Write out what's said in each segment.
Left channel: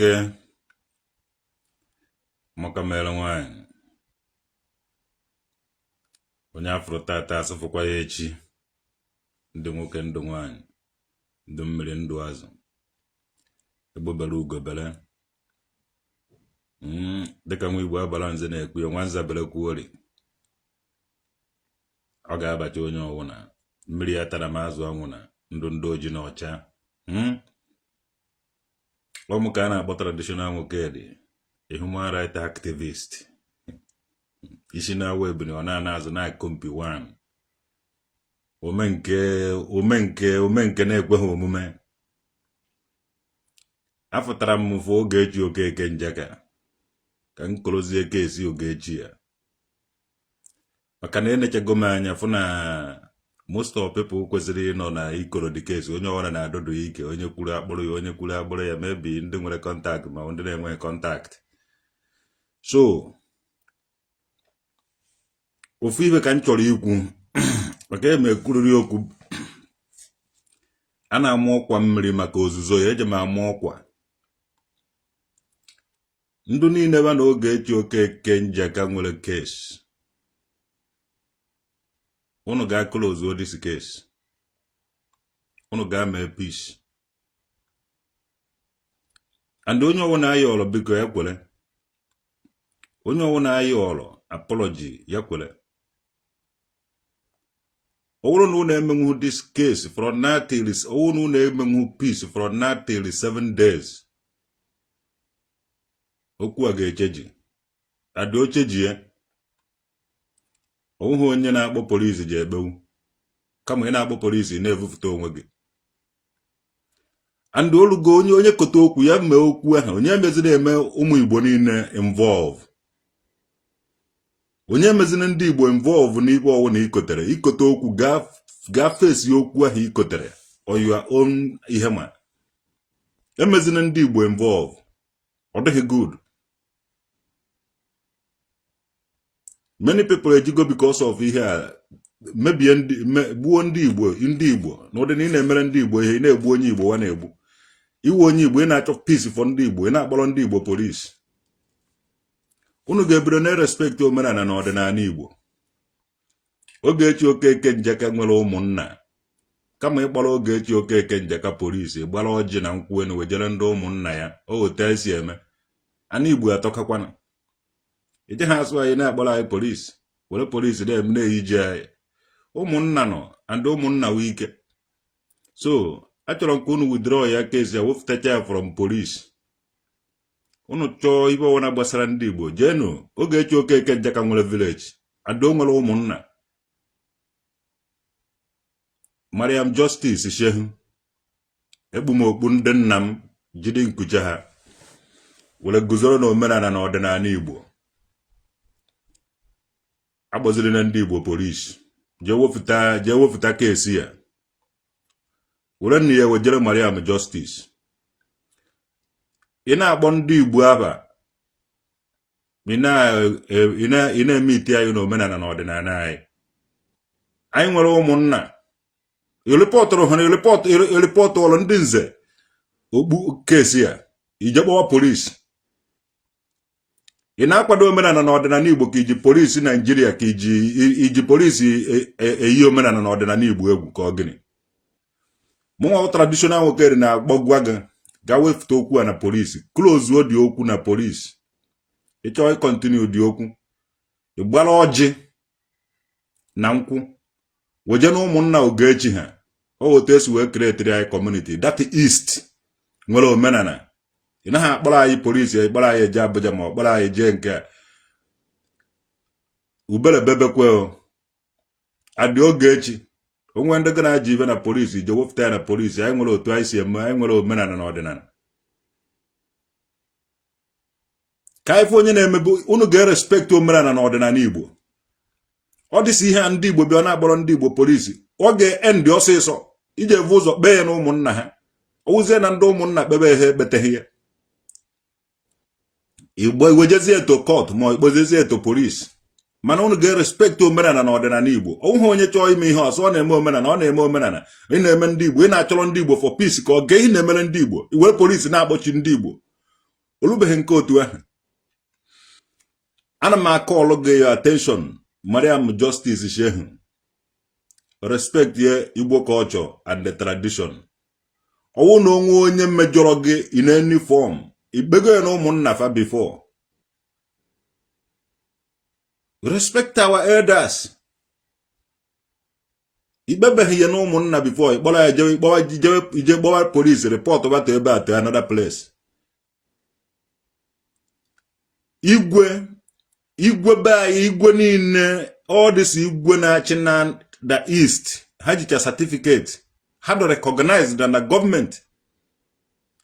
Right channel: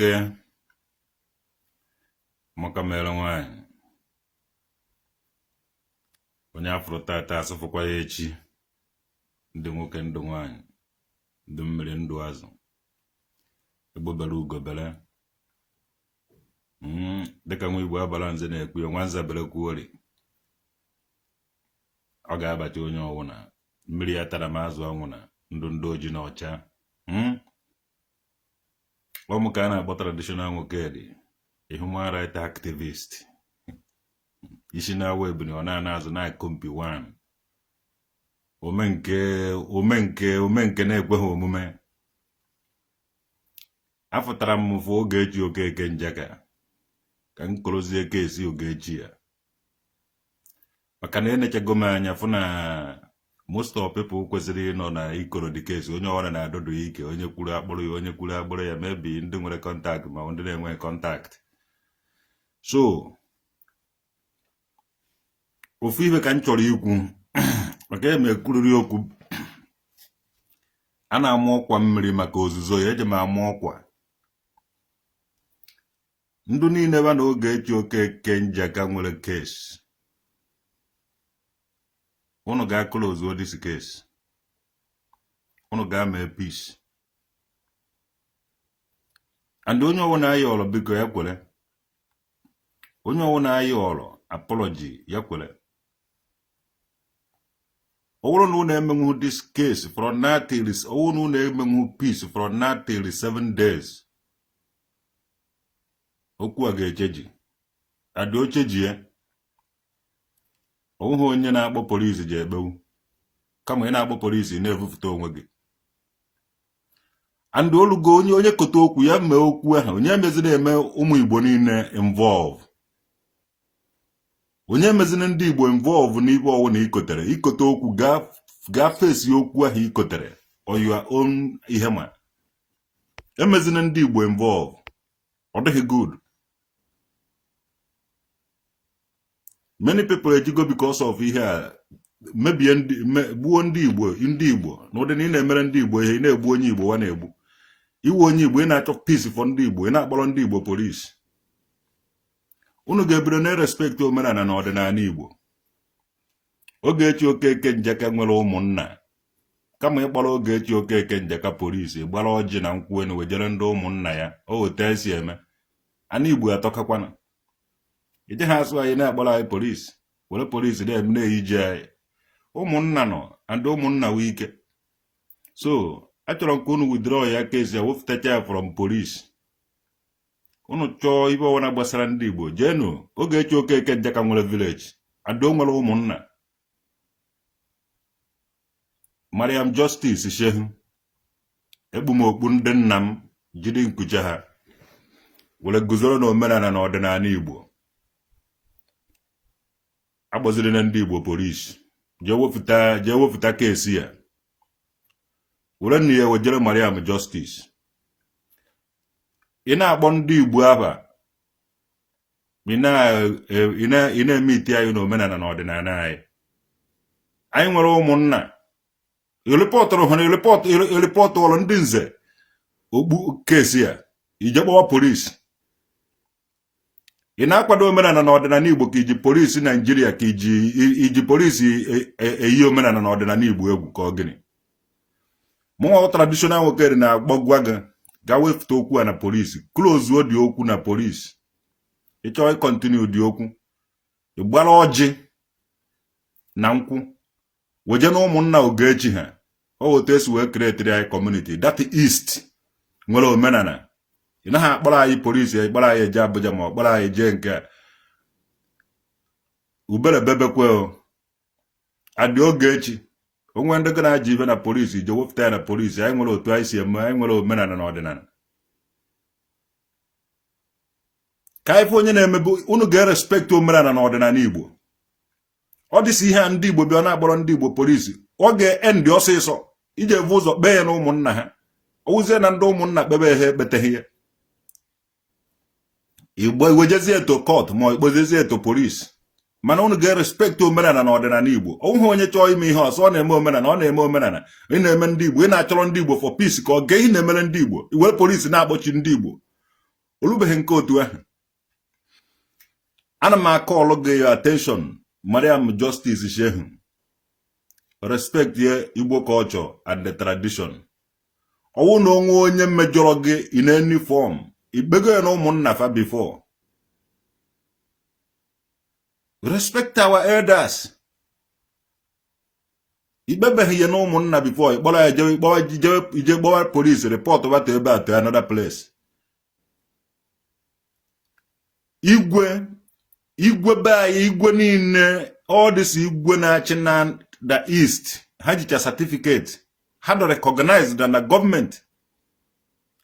nwoke maka mere nwanyị onye afro tata asụfụkwa ya echi ndị nwoke ndụ nwanyị ndụ mmiri ndụ azụ egbobere ugobere dịka nwa Igbo abala nze na-ekwu nwanza bere kwuori ọ ga-abacha onye ọwụna mmiri ya tara ma azụ ọnwụ na ndụ oji na ọcha ọmụ ka a na-akpọ traditional nwoke dị a human rights activist isi na-awa ebuni ọ na-ana azụ na-akọmpi wan omenke na-ekweghị omume afụtara m mfụ Ogechi Okeke Njaka ka m kolozie kesi Ogechi ya maka na enechego m anya fụ na most of people kwesịrị ịnọ na ikoro dị kesi onye ọwara na-adọdo ike onye kwuru akpọrọ ya onye kwuru akpọrọ ya mebi ndị nwere kọntaktị ma ndị na-enweghị kọntaktị. So ofu ibe ka m chọrọ ikwu maka emekwuriri okwu a na-amụ ọkwa mmiri maka ozuzo ya eje m amụ ọkwa ndụ niile ba na Ogechi Okeke Njaka nwere kesi unu ga-close all this case unu ga-mee peace and onye ọwụ na-ayị ọlọ biko ya kwere onye ọwụ na-ayị ọlọ apology ya kwere ọwụrụ na unu emenwu this case from now till ọwụ na unu emenwu peace from now till 7 days okwu a ga-echeji adị ocheji ya ọwụghị onye na-akpọ polisi ji ekpewu kama ị na-akpọ polisi na-evufụta onwe gị and olugo onye kote okwu ya mee okwu ahụ onye mezi na-eme ụmụ Igbo niile involve onye mezina ndị Igbo involve n'ibe ọwụ na ikote okwu gaa fesi okwu ahụ ikotere on your own ihe ma emezina ndị Igbo involve ọ dịghị good. Many people ejigo because of ihe a mebie gbuo ndị Igbo n'ụdị ị na-emere ndị Igbo ihe na-egbu onye Igbo wa na-egbu iwe onye Igbo ị na-achọ peace for ndị Igbo ị na-akpọrọ ndị Igbo polisi unu ga-ebido na-respect omenala na ọdịnala Igbo. Ogechi Okeke Njaka nwere ụmụnna kama ịkpọrọ Ogechi Okeke Njaka polisi gbara ọjị na nkwụ enu wejere ndị ụmụnna ya otu esi eme ana Igbo atọkakwana ije ha asụ anyị na-akpọrọ anyị polisi were polisi na-eyiji anyị ụmụnna nọ and ụmụnna wee ike. So achọrọ m ka unu withdraw ya kesi ya wefụtacha ya from polisi unu chọọ ibe ọwụna gbasara ndị Igbo jenu Ogechi Okeke Njaka nwere village ado nwere ụmụnna Mariam Justice Shehu ekpumokpu ndị nna m jide nkucha ha were guzoro na omenala na ọdịnala Igbo agbaziri na ndị Igbo polisi jee wefụta kesi ya were nne ya wejere Mariam Justice ị na-akpọ ndị Igbo aba ị na-eme ite anyị na omenala na ọdịnala anyị nwere ụmụnna iripọtụrụ ha iripọtụ ụlọ ndị nze okpu kesi ya ije kpọwa polisi ị na-akwado omenala na ọdịnala Igbo ka iji polisi Naijiria ka iji polisi eyi omenala na ọdịnala Igbo egwu ka ọ gịnị mụnwa traditional nwoke na-agbagwa gị ga wefụta okwu a na polisi close dị okwu na polisi ịchọghị continue dị okwu ịgbara ọjị na nkwụ weje na ụmụnna Ogechi ha otu esi wee create anyị community that east nwere omenala ị naghị akpọrọ anyị polisi ịkpọrọ anyị eje Abuja ma ọ kpọrọ anyị jee nke ubere bebekwe adị Ogechi onwe ndị gị na-aji ibe na polisi je wepụta ya na polisi anyị nwere otu anyị si eme anyị nwere omenala na ọdịnala ka ife onye na-emebu unu ga-erespekt omenala na ọdịnala Igbo ọ dịsi ihe a ndị Igbo bịa na-agbọrọ ndị Igbo polisi ọ ga-endị ọsịsọ iji evu ụzọ kpee ya na ụmụnna ha owuzie na ndị ụmụnna kpebe ha ekpeteghị ya Igbo wejezie eto court ma ekpezezie eto polisi mana unu ga-erespekt omenala na ọdịnala Igbo ọwụghị onye chọọ ime ihe ọsọ ọ na-eme omenala ọ na-eme omenala ị na-eme ndị Igbo ị na-achọrọ ndị Igbo for peace ka ọ ga ị na-emere ndị Igbo iwere polisi na-akpọchi ndị Igbo Olubeghị nke otu ahụ. Ana m akọọlụ gị your attention, Mariam Justice Shehu. Respect your Igbo culture and the tradition. Ọwụ na onwe onye mmejọrọ gị in any form. Ikpego ya na ụmụnna fa before. Respect our elders. Ikpebeghị ya na ụmụnna before. Ikpọrọ ya ije gbawa police report bata ebe a to another place. Igwe be anyị, igwe niile, all this igwe na-achị na the east, ha jicha certificate, ha do recognized na government,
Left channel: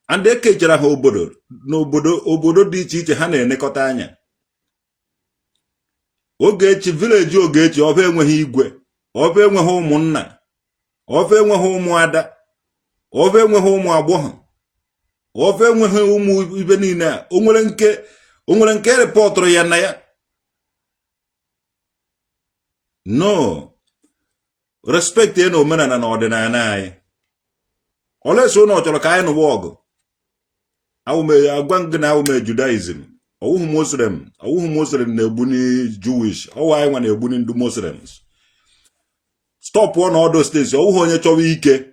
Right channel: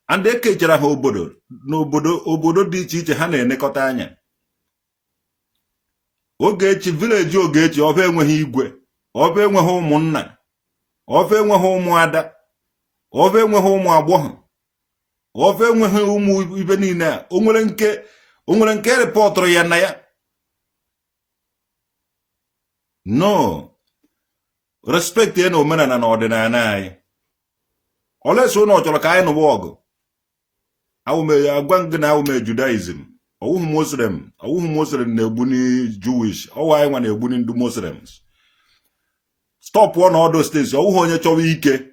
and ekechara ha obodo dị iche iche ha na-enekọta anya. Ogechi village Ogechi ọba enweghị igwe, ọba enweghị ụmụnna, ọba enweghị ụmụada, ọba enweghị ụmụ agbọghọ, ọba enweghị ụmụ ibe niile a. O nwere nke repọtụrụ ya na ya. No. Respect ya na omenala na ọdịnala anyị. Olesi ụnọ chọrọ ka anyị nụwa ọgụ. Agwa gị na awụme Judaism. Ọwụhụ Muslim na-egbu ni Jewish. Ọwụ anyị nwa na-egbu ni ndị Muslims. Stop on all those things. Ọwụhụ onye chọrọ ike.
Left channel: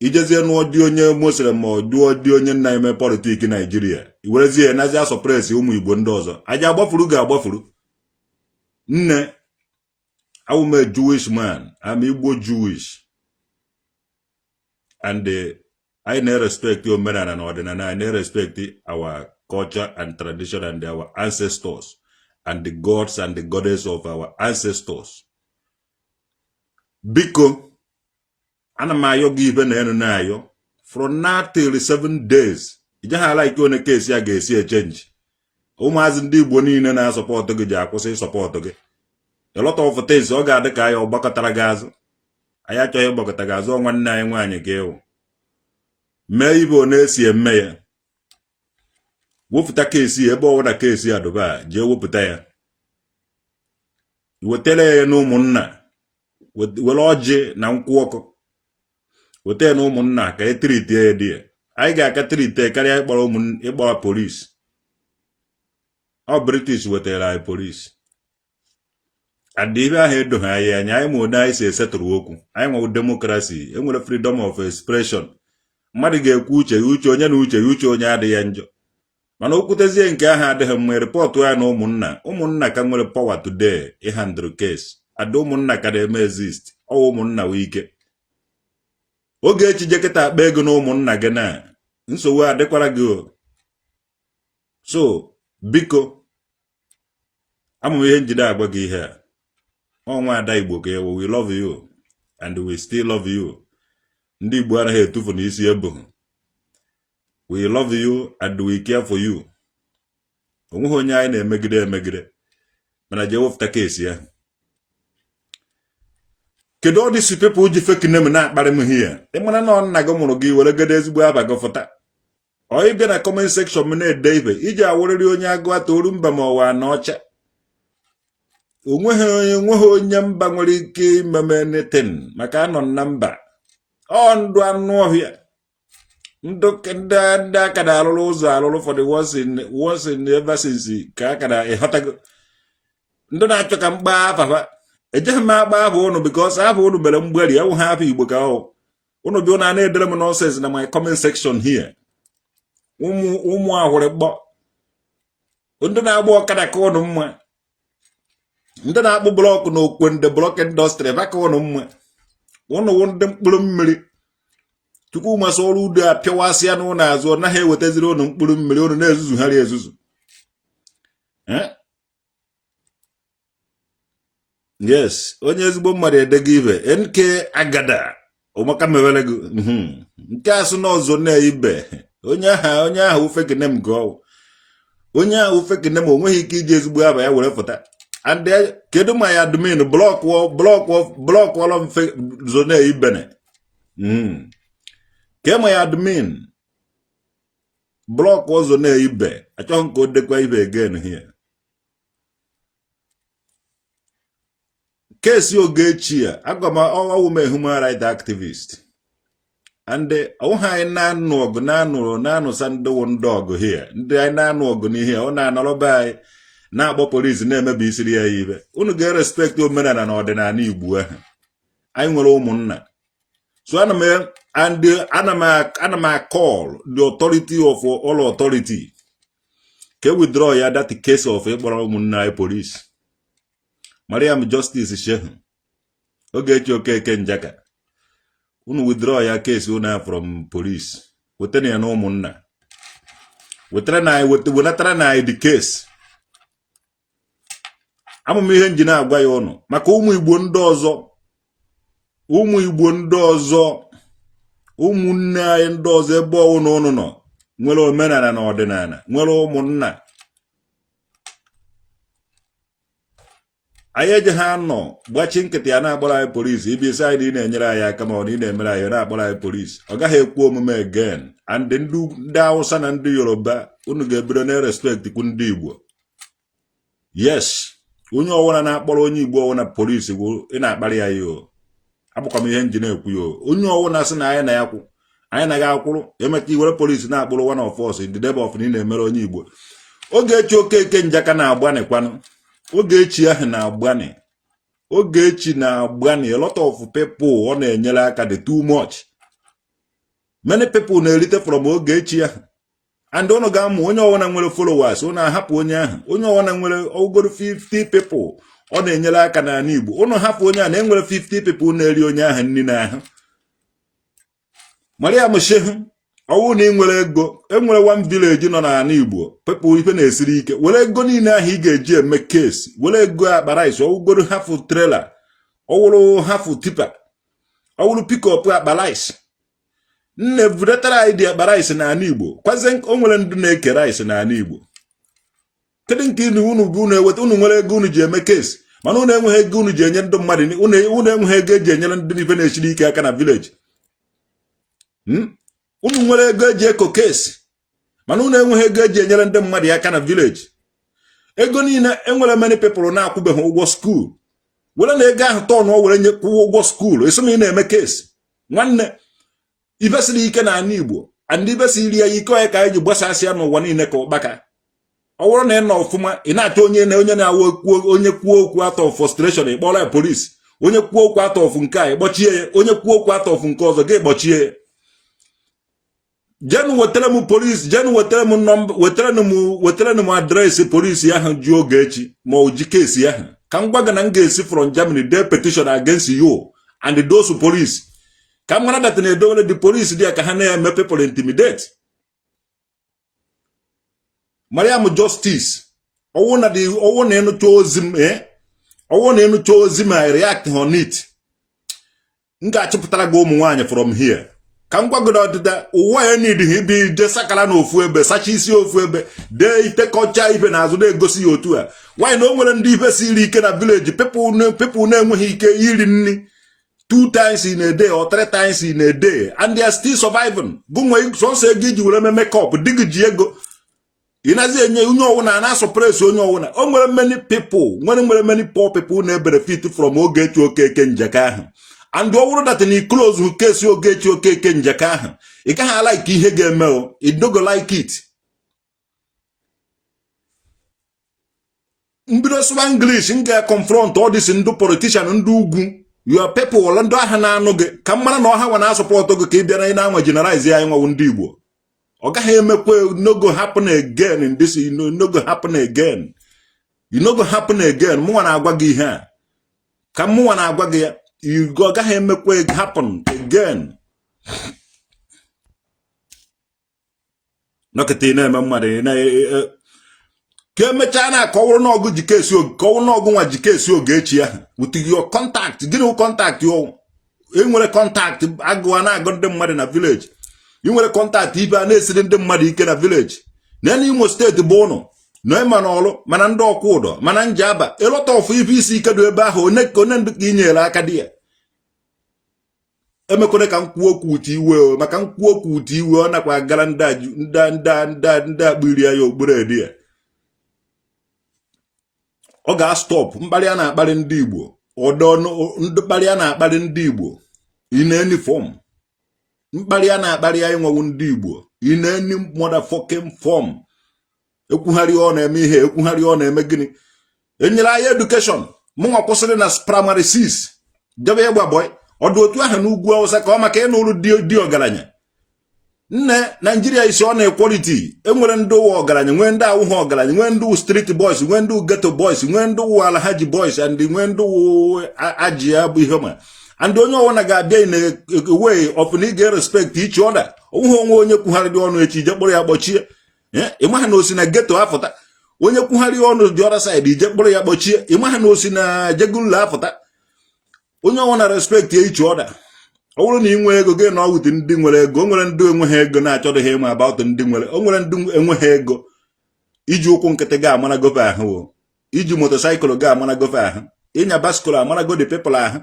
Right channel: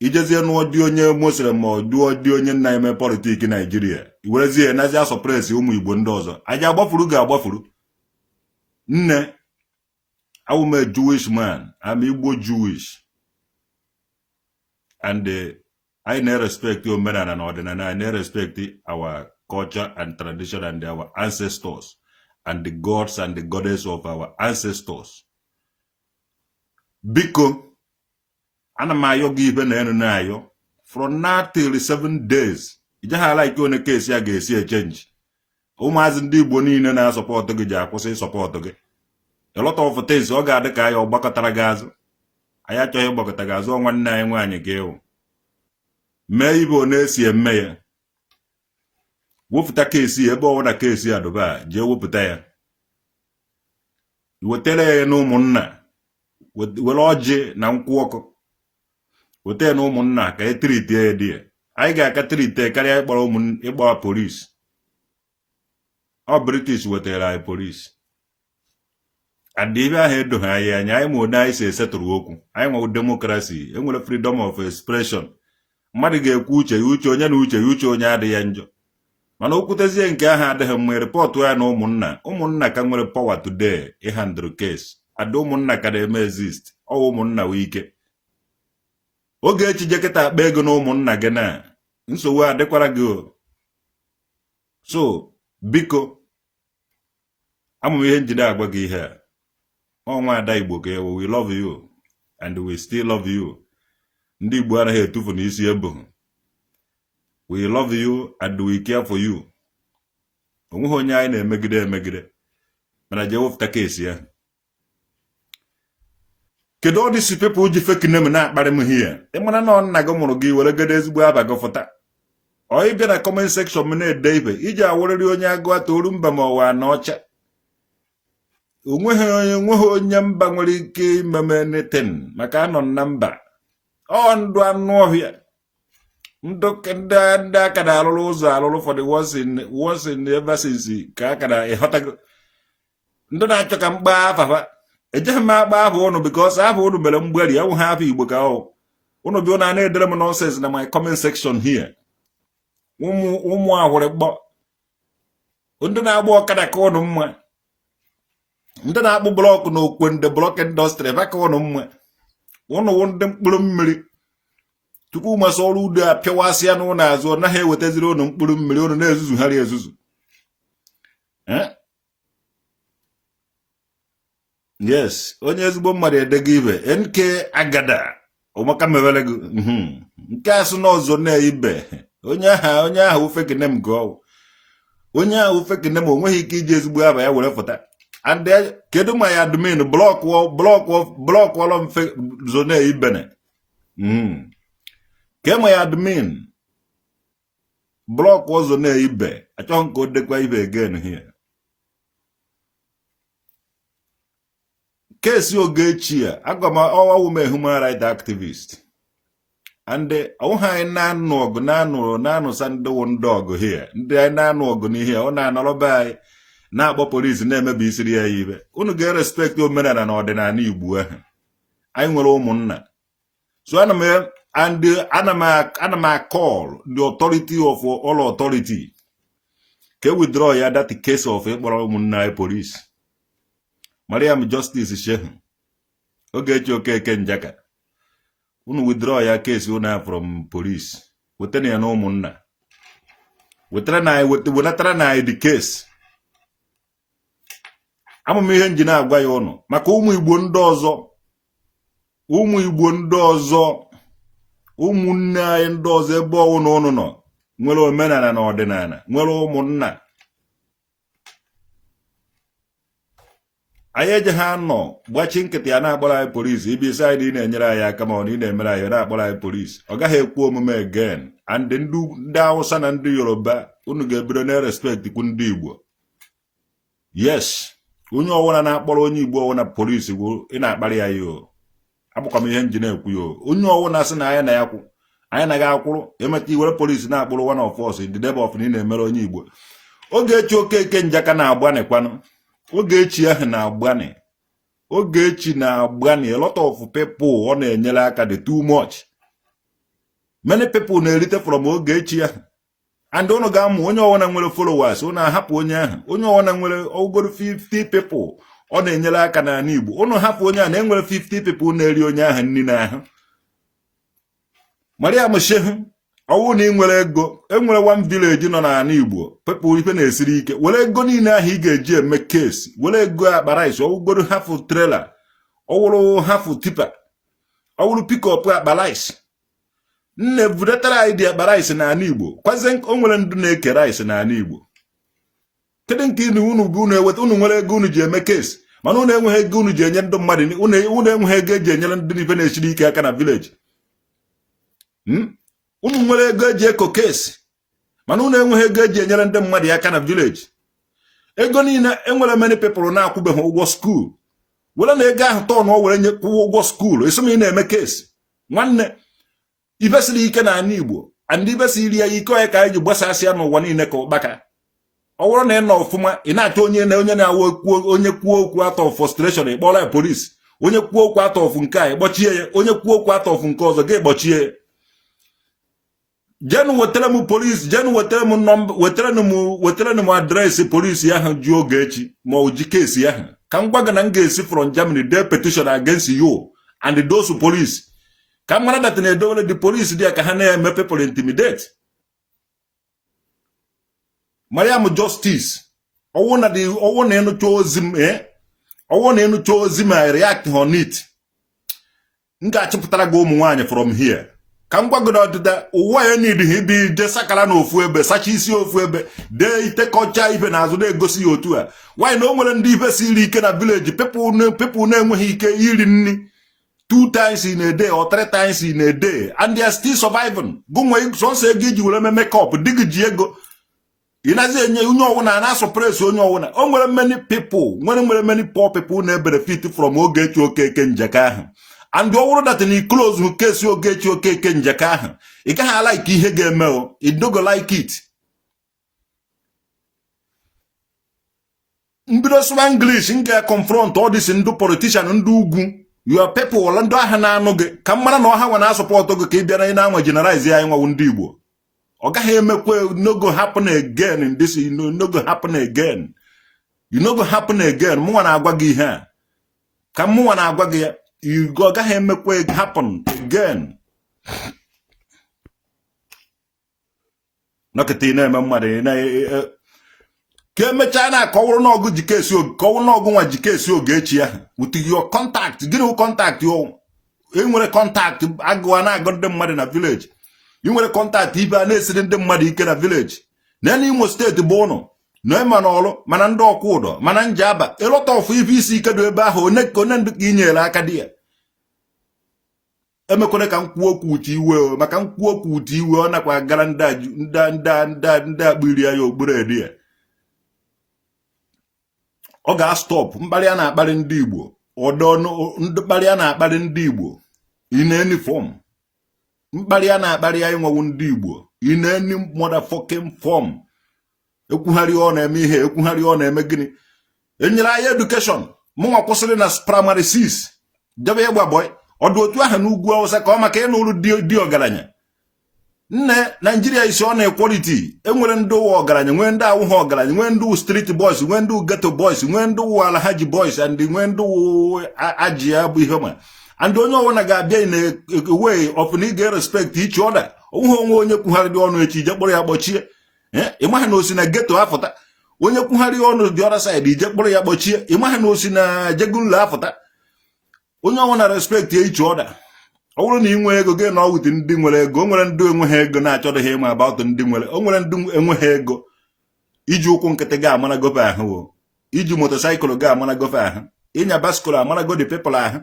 Ijezie nụọ dị onye Muslim ma duo dị onye nna eme politik Nigeria. Iwerezie na aja suppress ụmụ Igbo ndị ọzọ. Aja agbafuru ga-agbafuru. Nne. I'm a Jewish man. I'm Igbo Jewish. And I never respect your men and ordinary. I never respect our culture and tradition and our ancestors and the gods and the goddess of our ancestors. Biko, anamayo given enunayo from now till 7 days. You just like you in a case you get see a change. Umazin di bonine na support to get support to get. A lot of things ọ ga-adị ka ya ọgbakọtara gị azụ. Anyị achọghị ịgbakọta gị azụ nwanne anyị nwaanyị ga-ewu. Mee ibe ọ na-esi eme ya. Wepụta keesi ebe ọwụda keesi ya doba jee wepụta ya. Wetele ya na ụmụnna. Were ọjị na nkwụ ọkụ. Wete ya na ụmụnna ka e triti ya dị ya. Anyị ga-aka triti karịa ịkpọrọ polisi. Ọ British wetara anyị polisi. Adibe ahụ edoghị anyị anya, anyị ma ụdị anyị si esetụrụ okwu. Anyị nwe democracy, enwere freedom of expression. Mmadụ ga-ekwu uche ya uche onye na uche ya uche onye adịghị ya njọ. Mana okwutezie nke ahụ adịghị mma repọtụ ya na ụmụnna ka nwere power today ịhandle case. Ada ụmụnna ka na-eme exist. Ọ ụmụnna wee ike. Ogechi jekịta akpa ego na ụmụnna gị na nsogbu adịkwara gị. So, biko, amụ ihe njide agwa gị ihe a. Oh my Igbo ke we love you and we still love you. Ndị Igbo anaghị etufu n'isi ebu. We love you and we care for you. Onweghị onye anyị na-emegide. Mana je wefụta keesi ya. Kedu all these people ji fake name na-akparị m here? Ịmana na nna gị mụrụ gị were gede ezigbo aba gị fụta. Ọ ịbịa na comment section m na-ede ibe iji awarịrị onye agụ atoru mba ma ọwa na ọcha. Onweghị onye mba nwere ike imeme anything maka anọ na mba. Ọ ndụ anụ ọhịa. Ndị aka na-alụrụ ụzọ alụrụ for the once in ever since ka aka na ịghọtago. Ndị na-achọ ka mgba afafa. Ejeghị m agba ahụ ụnụ because ahụ ụnụ mere mgberi ewu ha afọ Igbo ka ọ. Ụnụ bi ụnụ a na-edere m nonsense na my comment section here. Ụmụ ahụrụ gbọ. Ndị na-agba ọkada ka ụnụ mma. Ndị na-akpụ blọkụ na okwe ndị blọk indọstrị baka ụnụ mma. Ụnụ ndị mkpụrụ mmiri. Tupu masị ọrụ udo a pịawasịa n'ụlọ azụ ọ naghị ewetaziri ụnụ mkpụrụ mmiri ụnụ na-ezuzugharị ezuzu. Yes, onye ezigbo mmadụ edego ibe NK agada ụmaka mewere gị nke asụ n'ọzọ na-ibe onye ahụ ufekene m gụọ onye ahụ ufekene m onweghị ike iji ezigbo aba ya were fụta. And kedu ma ya admin block wall mfe zone ibene. Ke ma ya admin block wall zone ibe. Achọghị nke o dekwa ibe again here. Case Ogechi a agwa ma ọwa women human rights activist. and I na sand dog here. I na here, on na akpọ police na-emebi isiri ya ibe. Unu ga-respect omenala na ọdịnala Igbo ahụ. Anyị nwere ụmụnna. So ana m call the authority of all authority. Can withdraw ya that case of ịkpọrọ ụmụnna police. Mariam Justice Shehu. Ogechi Okeke Njaka. Unu withdraw ya case una from police. Wetene ya na ụmụnna. Wetara na the case. Amụm ihe nji na-agwa ya ọnụ maka ụmụ Igbo ndị ọzọ ụmụnne anyị ndị ọzọ ebe ọwụna ụnụ nọ nwere omenala na ọdịnala nwere ụmụnna anyị eje ha nọ gbachi nkịtị ya na-akpọrọ anyị polisi ibi isi anyị na-enyere anyị aka ma ọ na ị na-emere anyị na-akpọrọ anyị polisi ọ gaghị ekwu omume again and ndị Hausa na ndị Yoruba unu ga-ebido na respect kwu ndị Igbo. Yes, onye ọwụna na-akpọrọ onye Igbo ọwụna polisi bụ ị na-akparị ya yo abụkwa m ihe nji na-ekwu yo onye ọwụna sị na anyị na ya kwụ anyị na ga-akwụrụ emeta iwere polisi na-akpụrụ one of us in the name of ị na-emere onye Igbo. Ogechi Okeke Njaka na-agbani kwanụ Ogechi ahụ na-agbani Ogechi na-agbani a lot of people ọ na-enyere aka dị too much. Many people na-erite from Ogechi ahụ and unu ga-amụ onye ọwụna nwere followers unu ahapụ onye ahụ onye ọwụna nwere ogoro 50 people ọ na-enyere aka n'ala Igbo unu hapụ onye ahụ na enwere 50 people na-eri onye ahụ nri n'ahụ. Mariam Shehu ọwụ na ị nwere ego enwere one village nọ n'ala Igbo people ife na-esiri ike were ego niile ahụ ị ga-eji eme case were ego akpa rice ọwụgoro half trailer ọwụrụ half tipa ọwụrụ pick up akpa rice nne budatara anyị dị akpa rice n'ala Igbo kwaze o nwere ndị na-eke rice n'ala Igbo. Kedu nke unu bụ unu eweta unu nwere ego unu ji eme case mana unu enweghị ego unu ji enye ndị mmadụ unu enweghị ego eji enyere ndị ife na-esiri ike aka na village. Unu nwere ego eji eko case mana unu enweghị ego eji enyere ndị mmadụ aka na village. Ego niile enwere many people na-akwụbeghị ụgwọ school were na ego ahụ tọn o were nye kwụọ ụgwọ school esi na eme case nwanne ife siri ike na ala Igbo and ife siri ya ike onye ka anyị ji gbasasịa n'ụwa niile ka ụkpaka. Ọ bụrụ na ị nọ ọfụma ị na-achọ onye na-awa onye kwuo okwu out of frustration ịkpọrọ ya polisi onye kwuo okwu out of nke a ịkpọchie ya onye kwuo okwu out of nke ọzọ gị kpọchie ya. Jenu wetara m polisi jenu wetara m nọmba wetara m adreesị polisi ahụ ji Ogechi ma o ji kesi ahụ ka m gwa gị na m ga-esi from Germany dee petition against you and those police ka m mara that na-edowere the police dị ka ha na-eme people intimidate. Mariam Justice ọwụ na ịnụcha ozi ma react on it m ga-achịpụtara gị ụmụ nwaanyị from here ka m gwagodo ọdịda ụwa ya need ibi de sakara na ofu ebe sacha isi ofu ebe dee itekọcha ife na azụ na-egosi ya otu a nwaanyị na o nwere ndị ife siri ike na village people na-enweghị ike iri nri 2 times in a day or 3 times in a day and they are still surviving. Gunwe sonse ego iji were make-up digi ji ego inazi enye onye ọwụna na suppress onye ọwụna o nwere many people nwere many poor people na benefit from Ogechi Okeke Njaka ahụ and ọwụrụ that ni close who case Ogechi Okeke Njaka ahụ ị gaghị like ihe ga-eme o you don't go like it. Mbido sụwa English nga confront all this ndu politician ndu ugwu your people wala ndo aha na anụ gị ka mmara na ọha nwa na support gị ka ị bịa na ị na-anwa generalize ya nwa ndị Igbo ọ gaghị emekwe no go happen again in this no go happen again you no go happen again mụ na-agwa gị ihe a ka mụ na-agwa gị ọ gaghị emekwe happen again. Nọkịta na-eme mmadụ na ka emecha na ka ọwụrụ n'ọgụ ji kesi oge ka ọwụrụ n'ọgụ nwa ji kesi Ogechi ahụ with your contact gịnị contact yo enwere contact agụwa na-agụ ndị mmadụ na village ị nwere contact ibe a na-esiri ndị mmadụ ike na village na Imo steeti bụ ụnụ na ema n'ọlụ mana ndị ọkwụ ụdọ mana Njaba ịlọta ọfụ ife isi ike dị ebe ahụ onye ndị ka inyere aka dị ya emekwere ka m kwuo okwu uche iwe maka m kwuo okwu uche iwe ọ nakwa gara ndị akpịrị ya okpuru edi ya ọ ga-stop mkparị a na-akparị ndị Igbo ọdọ mkparị a na-akparị ndị Igbo in any form mkparị a na-akparị anyị nwewu ndị Igbo in any motherfucking form. Ekwugharị ọ na-eme ihe, ekwugharị ọ na-eme gịnị. Enyere anyị education mụnwa kwụsịrị na primary 6 debe ịgba boy ọdụ otu ahụ n'ugwu Awụsa ka ọ maka ịnụrụ di ọgaranya. Nne Nigeria isi ọ na-equality, enwere ndị ụwa ọgaranya, nwee ndị awụghị ọgaranya, nwee ndị street boys, nwee ndị ghetto boys, nwee ndị ụwa Alhaji boys, and nwee ndị aji ya bụ ihe ma. And onye ọwụna ga-abịa in a way of na ị ga-respect each other. Onwe onwe onye kwugharịrị ọnụ echi ije kpọrọ ya kpọchie. Ịmaghị na osi na ghetto afụta. Onye kwugharị ọnụ the other side ije kpọrọ ya kpọchie. Ịmaghị na osi na jegulu afụta. Onye ọwụna respect each other. Ọ bụrụ na ị nwee ego gị na ọ wute ndị nwere ego, o nwere ndị enweghị ego na-achọdịghị ịma about ndị nwere, o nwere ndị enweghị ego iji ụkwụ nkịtị ga amana gofe ahụ, iji motorcycle ga amana gofe ahụ, ịnya baskụl amana go the people ahụ.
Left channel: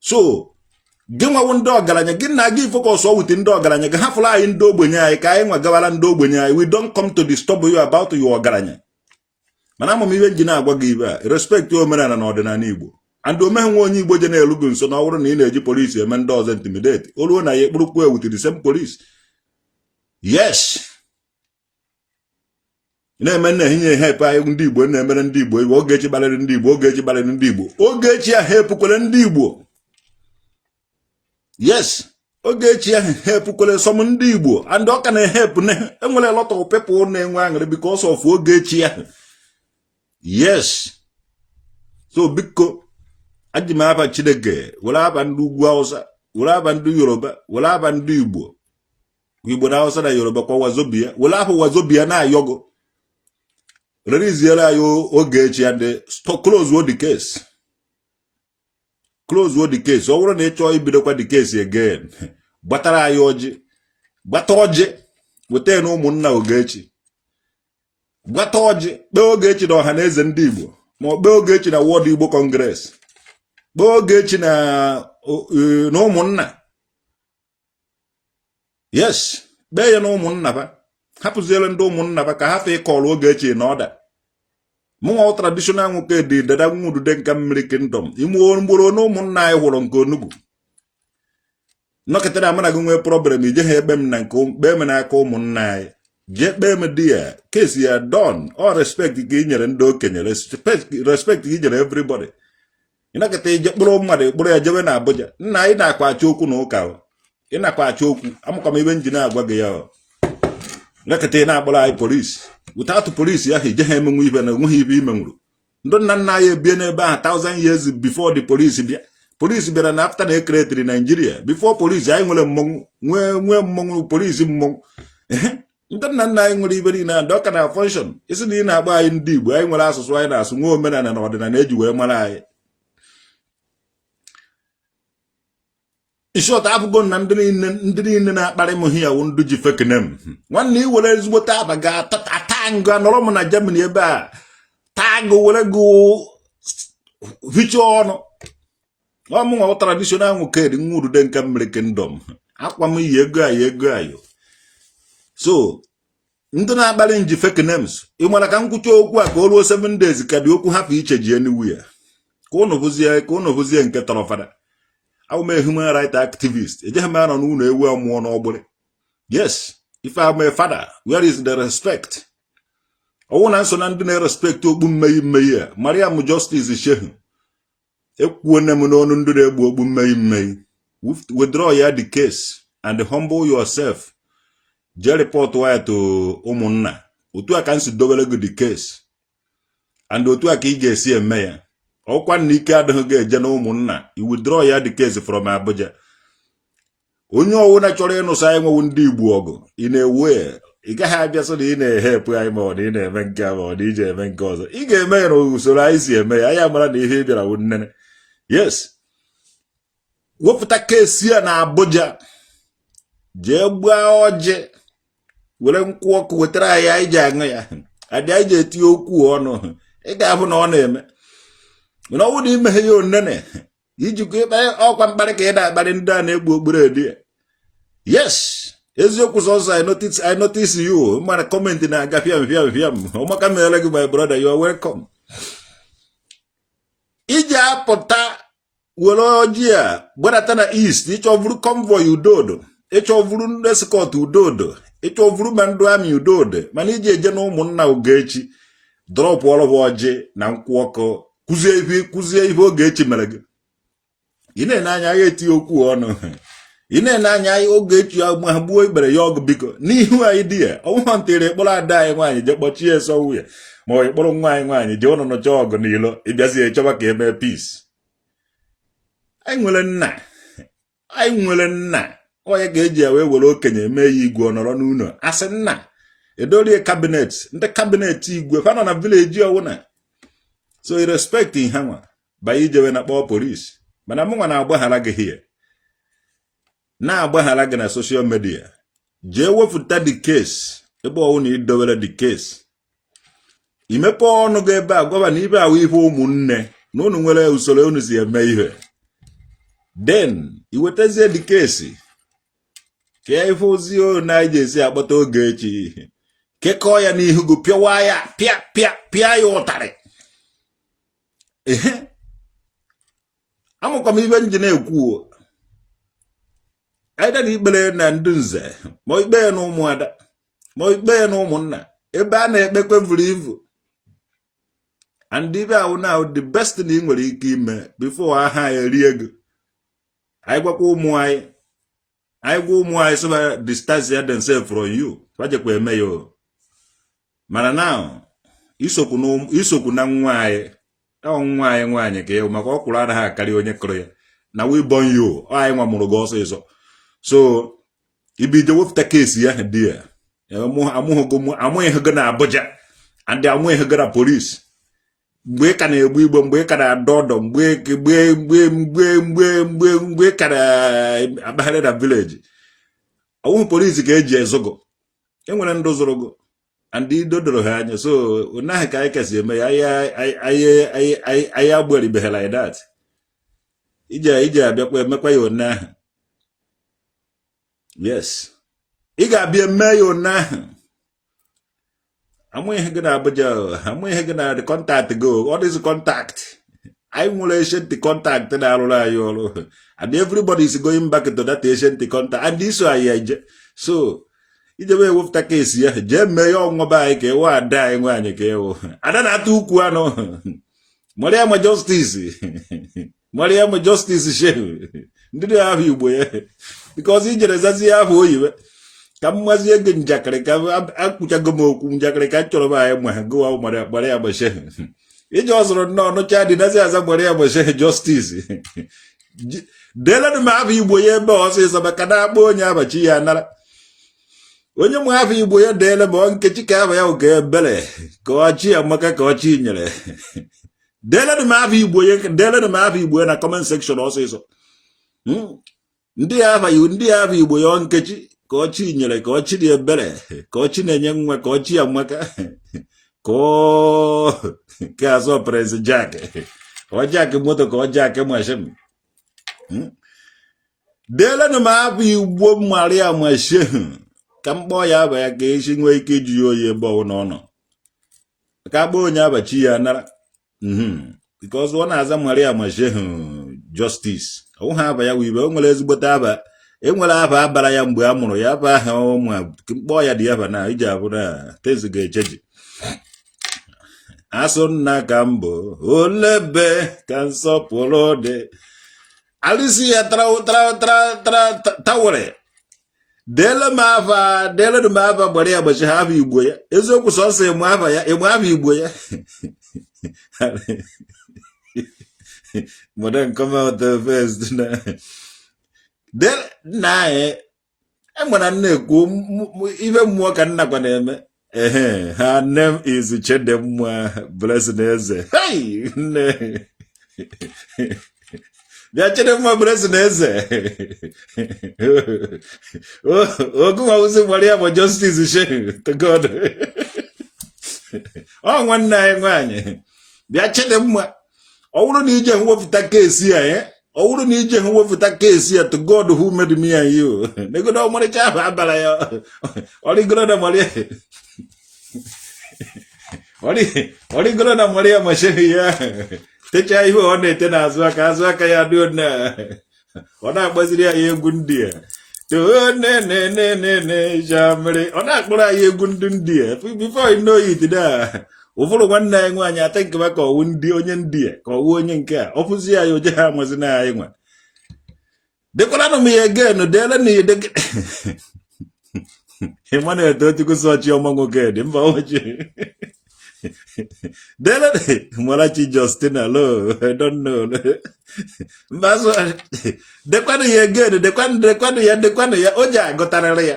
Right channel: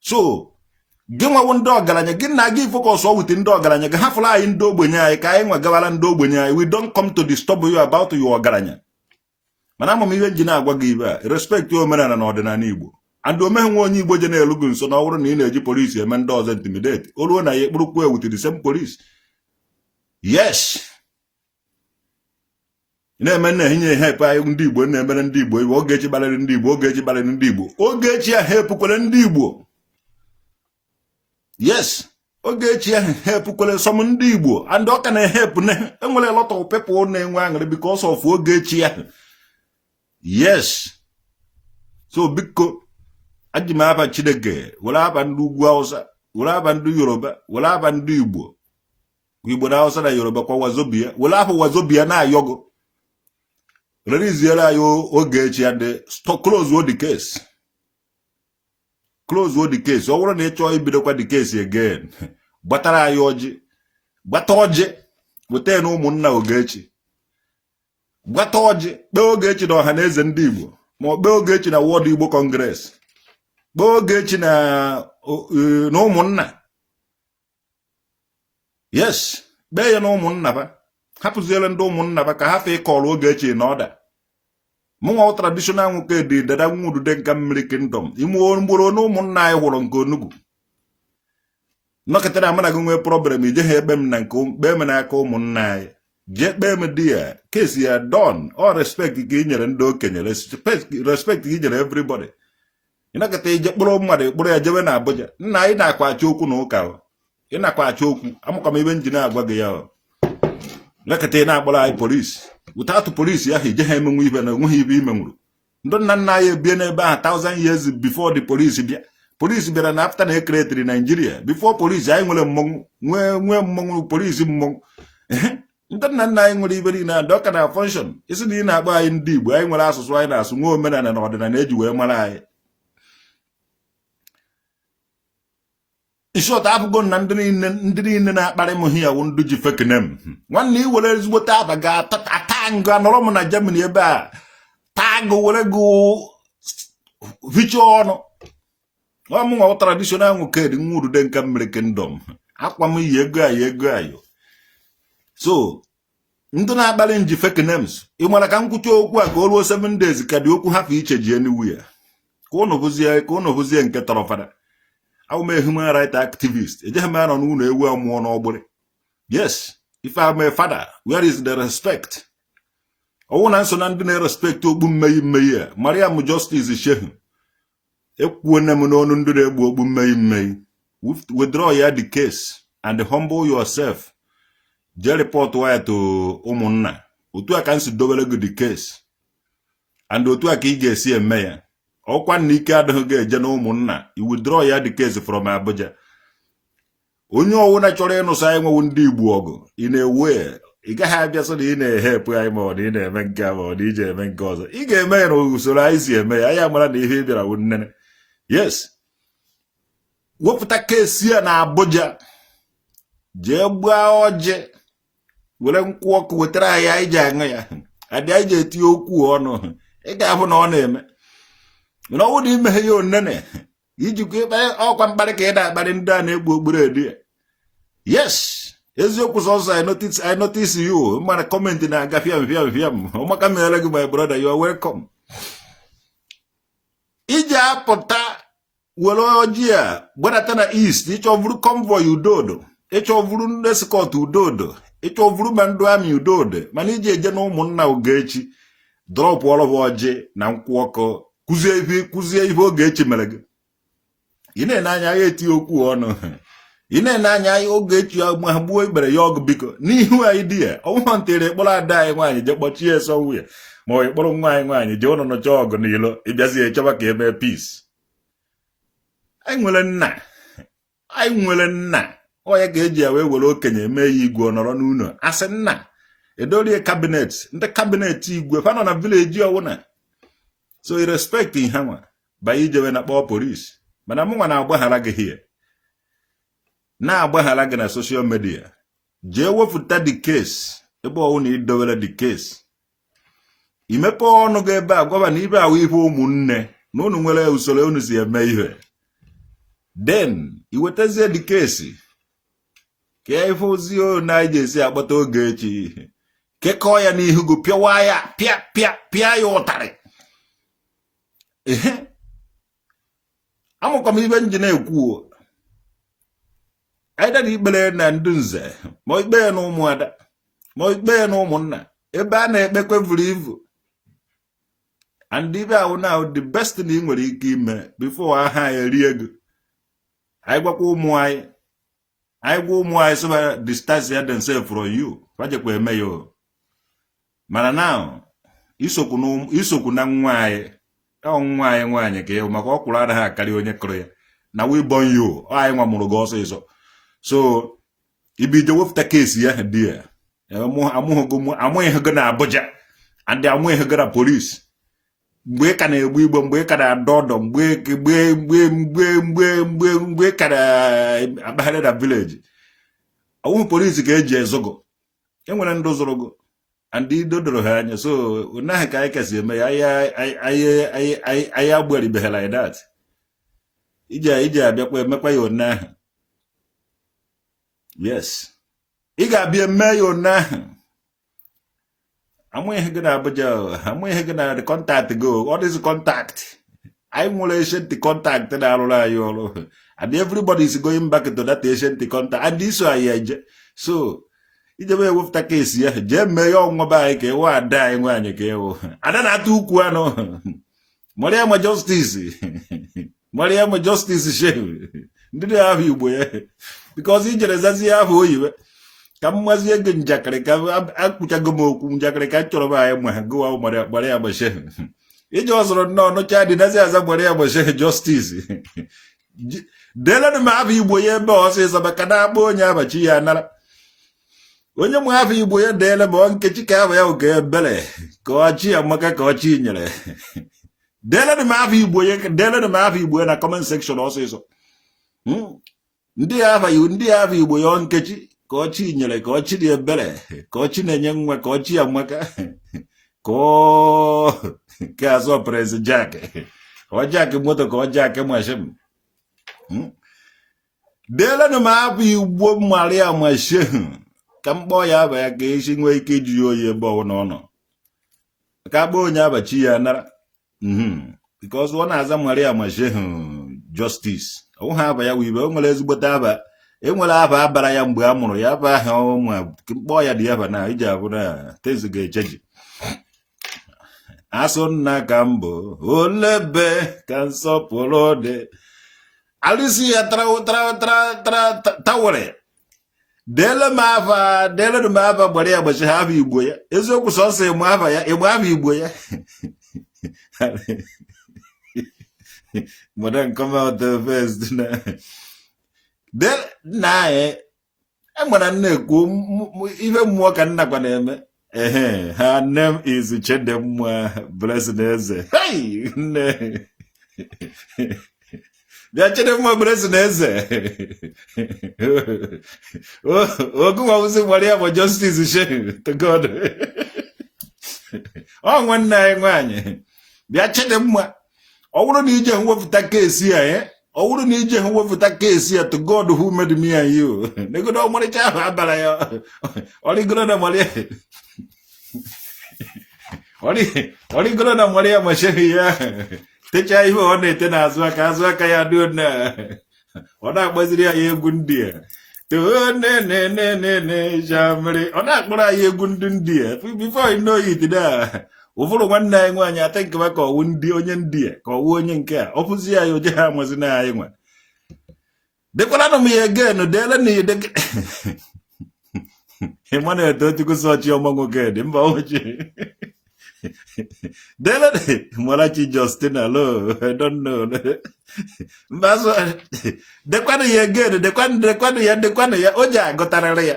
So gị nwawo ndị ọgaranya, gị na gị focus ọ wute ndị ọgaranya, gị hafụla anyị ndị ogbenye anyị ka anyị nwa gawala ndị ogbenye anyị. We don't come to disturb you about your ọgaranya. Mana amụ m ihe ji na-agwa gị ibe a, respect omenala na ọdịnala Igbo. And omeghe nwe onye Igbo je na-elu gị nso na ọ bụrụ na ị na-eji polisi eme ndị ọzọ intimidate, o ruo na ya ekpurukwu with the same police. Yes, na-eme na-ehinye help anyị ndị Igbo na-emere ndị Igbo iwe. Ogechi gbalịrị ndị Igbo, Ogechi gbalịrị ndị Igbo, Ogechi ahụ helpkwere ndị Igbo. Yes, Ogechi ahụ helpkwere some ndị Igbo, and ọ ka na-help na enwere a lot of people na-enwe aṅụrị because of Ogechi ahụ. Yes, so biko aji m aba Chineke, were aba ndị ugwu Awụsa, were aba ndị Yoruba, were aba ndị Igbo, Igbo na Awụsa na Yoruba kwa Wazobia, were ahụ Wazobia na ayogo. Release anyị Ogechi and close the case. Close the case. Ọ bụrụ na ị chọọ ibidokwa the case again, gbatara anyị ọjị, gbata ọjị, weta na ụmụnna Ogechi, gbata ọjị, kpee Ogechi na ọha na eze ndị Igbo, ma ọ kpee Ogechi na World Igbo Congress, kpee Ogechi na ụmụnna. Yes, kpee ya na ụmụnna ba, hapụziere ndị ụmụnna ba ka ha fe ịkọrọ Ogechi na ọda. Mụnwa traditional nwoke dị dada nwudude nka mmiri kingdom, ime mgboro na ụmụnna anyị hụrụ nke onugbu. Nọkịta na amana gị nwee problem, ije ha ekpe m na nke kpee m n'aka ụmụnna anyị. Jee kpee m di ya, kesi ya don. All respect ka i nyere ndị okenye, respect ka i nyere everybody. Ịnọkịta ije kpụrụ mmadụ kpụrụ ya jewe na Abuja. Nna anyị na-akpa achọ okwu na ụka, ị na-akpa achọ okwu, amụkwa m ibe njin agwa gị ya. Nọkịta ị na-akpọrọ anyị polisi, without polisi ya ije ha emenwe ibe na onweghị ibe ime nwụrụ. Ndị nna nna anyị ebie n'ebe ahụ 1000 years before the police bịa. Polisi bịara na after na ekretiri Nigeria. Before polisi anyị nwere mmọnwụ, nwee mmọnwụ polisi mmọnwụ. Ndị nna nna anyị nwere ibe niile ndị ọka na function. Isi na ị na-agba anyị ndị Igbo, anyị nwere asụsụ anyị na-asụ, nwe omenala na ọdịnala eji wee mara anyị. Ishọta abụgo na ndị niile na-akparị m hia wụ ndị ji fake name. Nwanne i were ezigbote aba ga-ata ngụ anọrọ m na Germany ebe a, taa gụ were gụ hicha ọnụ. Ọmụnwa traditional nwoke dị nwurude nka mmiri kingdom, akwa m yi ego ayo. So ndị na-akparị nji fake names, ị mara ka nkwucha okwu a ka o ruo 7 days ka dị okwu hapụ iche ji anywhere. Ka ụnụ bụzie nke tọrọ fada. I'm a human rights activist. A man on who know where more noble. Yes, if I'm a father, where is the respect? I want answer and respect to Maria. Mariam justice is shehu. When I'm known under the may. Withdraw the case and humble yourself. Jerry report wire to Omona. Utu akansi double the case. And Utu akige see a mayor. Ọkwa n'ike adịghị eje na ụmụnna, i withdraw ya the case from Abuja. Onye ọwụna chọrọ ịnụsa anyị nwewu ndị Igbo ọgụ, ị na-ewe, ị gaghị abịa sọ na ị na-ehepụ anyị ma ọ na ị na-eme nke ma ọ na ije eme nke ọzọ. Ị ga-eme ya na usoro anyị si eme ya, anyị amara na ihe ị bịara wụ nnene. Yes, wepụta kesi ya na Abuja, jee gbaa ọjị, were nkwụ ọkụ wetara anyị ji aṅụ ya, adị anyị ji etinye okwu ọnụ, ị ga-ahụ na ọ na-eme. You know what you may your nene? You get all come back and I neighbor bread. Yes, Ezok was also I notice you. Man, comment in a gafiam. Oh, my brother, you are welcome. Ija pota were ojii a gbadata na east ịchọvuru convoy udodo ịchọvuru ndị escort udodo ịchọvuru ma ndụ amị udodo mana iji eje na ụmụnna Ogechi drọpụ ọrụ ọjị na nkwụ ọkụ kụzie ihe Ogechi mere gị ị na-ene anya ya eti okwu ọnụ ị na-ene anya ya Ogechi ma gbuo ikpere ya ọgụ biko n'ihu anyị dị ya ọnwụha ntere kpọrọ ada anyị nwaanyị je kpọchie ya sọnwụ ya ma ọ kpọrọ nwa anyị nwaanyị jee ụnụ nọcha ọgụ n'ilo ịbịazie chọba ka eme peace. Anyị nwere nna onye ga-eji ya wee were okenye eme ya igwe ọnọrọ n'ụlọ asị nna edorie kabinet ndị kabinet igwe fa nọ na vileji ọwụna so i respect ha nwa banye ijewe na kpọọ polisi mana mụ nwa na-agbaghara gị hie na-agbaghara gị na soshal midia jee wepụta the case ebe ọwụ na idowere the case imepe ọnụ gị ebe a gwaba na ibe ahụ ihe ụmụnne na unu nwere usoro unu si eme ihe then iwetazie the case ka ife ozi na anyị esi akpata Ogechi kekọọ ya n'ihu gị pịawa ya pịa ya ụtarị amụkwa m ibe nje na-ekwu anyị dara ikpere na ndị nze ma ikpe ya na ụmụada ma ikpe ya na ụmụnna ebe a na-ekpekwe vuru ivu and ibe ahụ na the best thing ị nwere ike ime before aha ya erie gị anyị gwakwa ụmụ anyị sịba distance themselves from you fajekwa eme ya mana now isokwu na nwa anyị nwaanyị ka ịhụ maka ọkwụrụ anaghị akarị onye kụrụ ya na we born you anyị nwa mụrụ gị ọsịsọ so ibije wepụta kesi ya dị ya amụghị gị na Abuja and amụghị gị na polisi mgbe ị ka na-egbu igbo mgbe ị ka na-adọ ọdọ mgbe ị ka na-akpagharị na vileji ọwụhụ polisi ka eji ezogo enwere ndụ zụrụ gị and ido doro ha anya so onaghị ka anyị kasị eme ya anyị agberibeghị like that iji abịakwa emekwa ya onaahụ yes ị ga-abịa eme ya onaahụ amụghị gị na Abuja amụghị gị na contact go all this contact anyị nwere ancient contact na-arụrụ anyị ọrụ and everybody is going back to that ancient contact and iso anyị eje so ijebe ewepụta kesi ya jee mee ya ọnwụba anyị ka ewe ada anyị nwaanyị ka ewu ada na-ata ukwu anụ Mariam Justice shehu ndị dị ahụ Igbo ya because ijere zazi ya ahụ oyiwe ka mmazie gị njakịrị ka akpụchago m okwu njakịrị ka chọrọ m anyị ma gụwa Mariam shehu ije ọzọrọ nnọọ nụcha dị nazi aza Mariam shehu Justice delenụ m ahụ Igbo ya ebe ọsịsọ maka na-akpọ onye abachi ya nara onye mụ afọ Igbo ya deele ma Nkechi ka ahụ ya oge ebele ka ọchị amaka ka ọchị nyere deelenụ m afọ Igbo ya na comment section ọsịsọ ndị afọ Igbo ya Nkechi ka ọchị nyere ka ọchị dị ebele ka ọchị na-enye nwa ka ọchị amaka ka azọ Prince Jack ọ Jack moto ka ọ Jack mashin deelenụ m afọ Igbo Mariam shehu ka mkpọ ya aba ya ka esi nwee ike ji oyi ebe ọ nọ ka akpọ onye abachi ya nara because ọ na-aza Mariam shehu Justice ọ ha aba ya wibe o nwere ezigbote aba enwere aba abara ya mgbe a mụrụ ya aba ahụ ma mkpọ ya dị aba na iji abụ na tezi ga-echeji asụ nna ka mbụ olebe ka nsọpụrụ dị alụsi ya tawere deele m afa gbara ya gbachi ha afọ Igbo ya eziokwu sọsọ emu afọ Igbo ya modern come out the first na anyị enwere na-ekwu ife mmụọ ka nnakwa na-eme her name is Chidimma Blessing Eze nne bịa Chidimma Blessing Eze ogunwa uzi Mariam Justice shehu to God ọ nwanne anyị nwaanyị bịa Chidimma ọ bụrụ na ije nwepụta kesi ya to God who made me and you negodo ọmarịcha ahụ abara ya ọrịgoro na Mariam shehu ya techa ihe ọ na-ete n'azụ aka ya dị na ọ na-agbaziri ya egwu ndị a jamere ọ na-akpọrọ anyị egwu ndị a before I know it da ụfọdụ nwanne anyị nwaanyị atịnkị ka ọwụ ndị onye ndị a ka ọwụ onye nke a ọ pụzi ya oje ha amazi na anyị nwa dekwaranụ m ya gen deela na ihe ịma na-eto otukwụsị ọchị ọma nwoke dị mba oche deela Malachi Justin alo I don't know mbazụ dekwanụ ya gen dekwanụ ya o ji agụtarịrị ya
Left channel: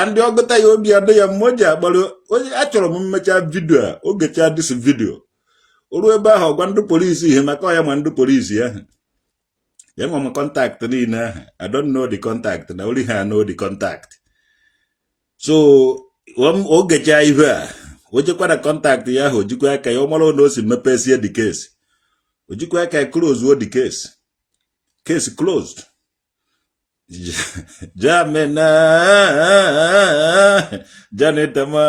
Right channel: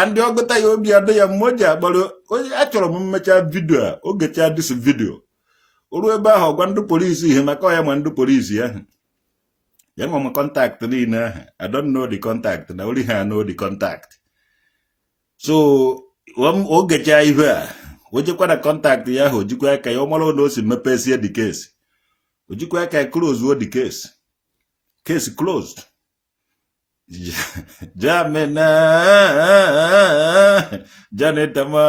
andị ọgụta ya obi ọdụ ya mma o ji akpọrọ onye achọrọ m mmecha vidio a ogecha dis vidio oru ebe ahụ gwa ndị polisi ihe maka ya ma ndị polisi ahụ ya nwa m contact niile ahụ I don't know the contact na ori ha know the contact so ogecha ihe a o jekwa na contact ya ahụ ojikwa aka ya ọ mara na o si mepesie the case ojikwa aka ya close the case closed Jamena Janetama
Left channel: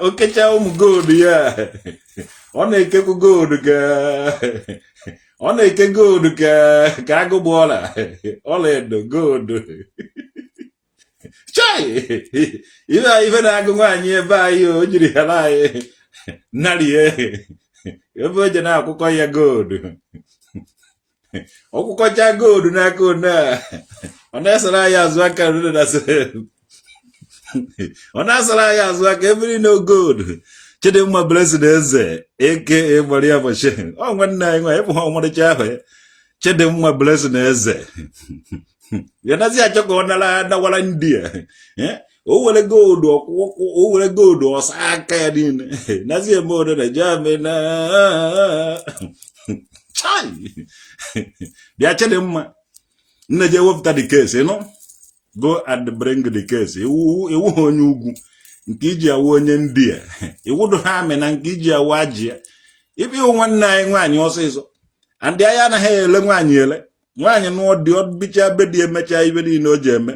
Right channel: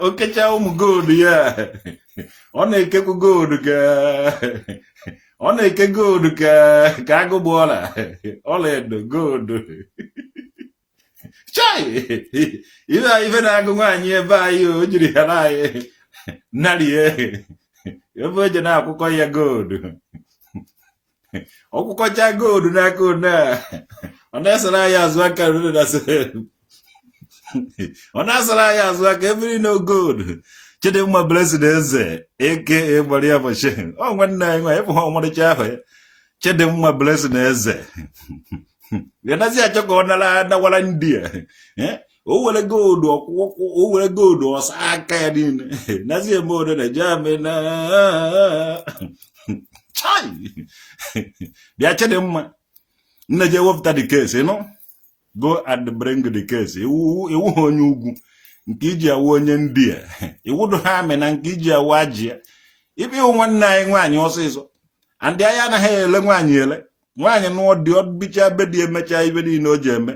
Okecha gold ya ọ na-ekekwu gold ka agụgbọla ọlaedo gold chai ife na-agụ nwaanyị ebe anyị o jiri ya anyị narie ebe o je na-akwụkwọ ya gold ọkwụkwọcha gold n'aka one a ọ na-asara anyị azụ aka ọ na-asara anyị azụ aka ebiri no gold Chidimma Blessing Eze aka Maria Boshe ọ nwanne anyị nwa ịbụ ọmarịcha ahụ Chidimma Blessing Eze ya nazi achọ ka ọ nawara ndị a o were gold ọsa aka ya niile nazi eme odere jamena chai bịa Chidimma nne je wepụta the case go and bring the case iwu ha onye ugwu nke iji awụ onye ndị a iwu ha amị na nke iji awụ ajị ibe iwu nwanne anyị nwaanyị ọsịsọ andị anyị anaghị ele nwaanyị nụọ dị ọbicha be dị emecha ibe niile o ji eme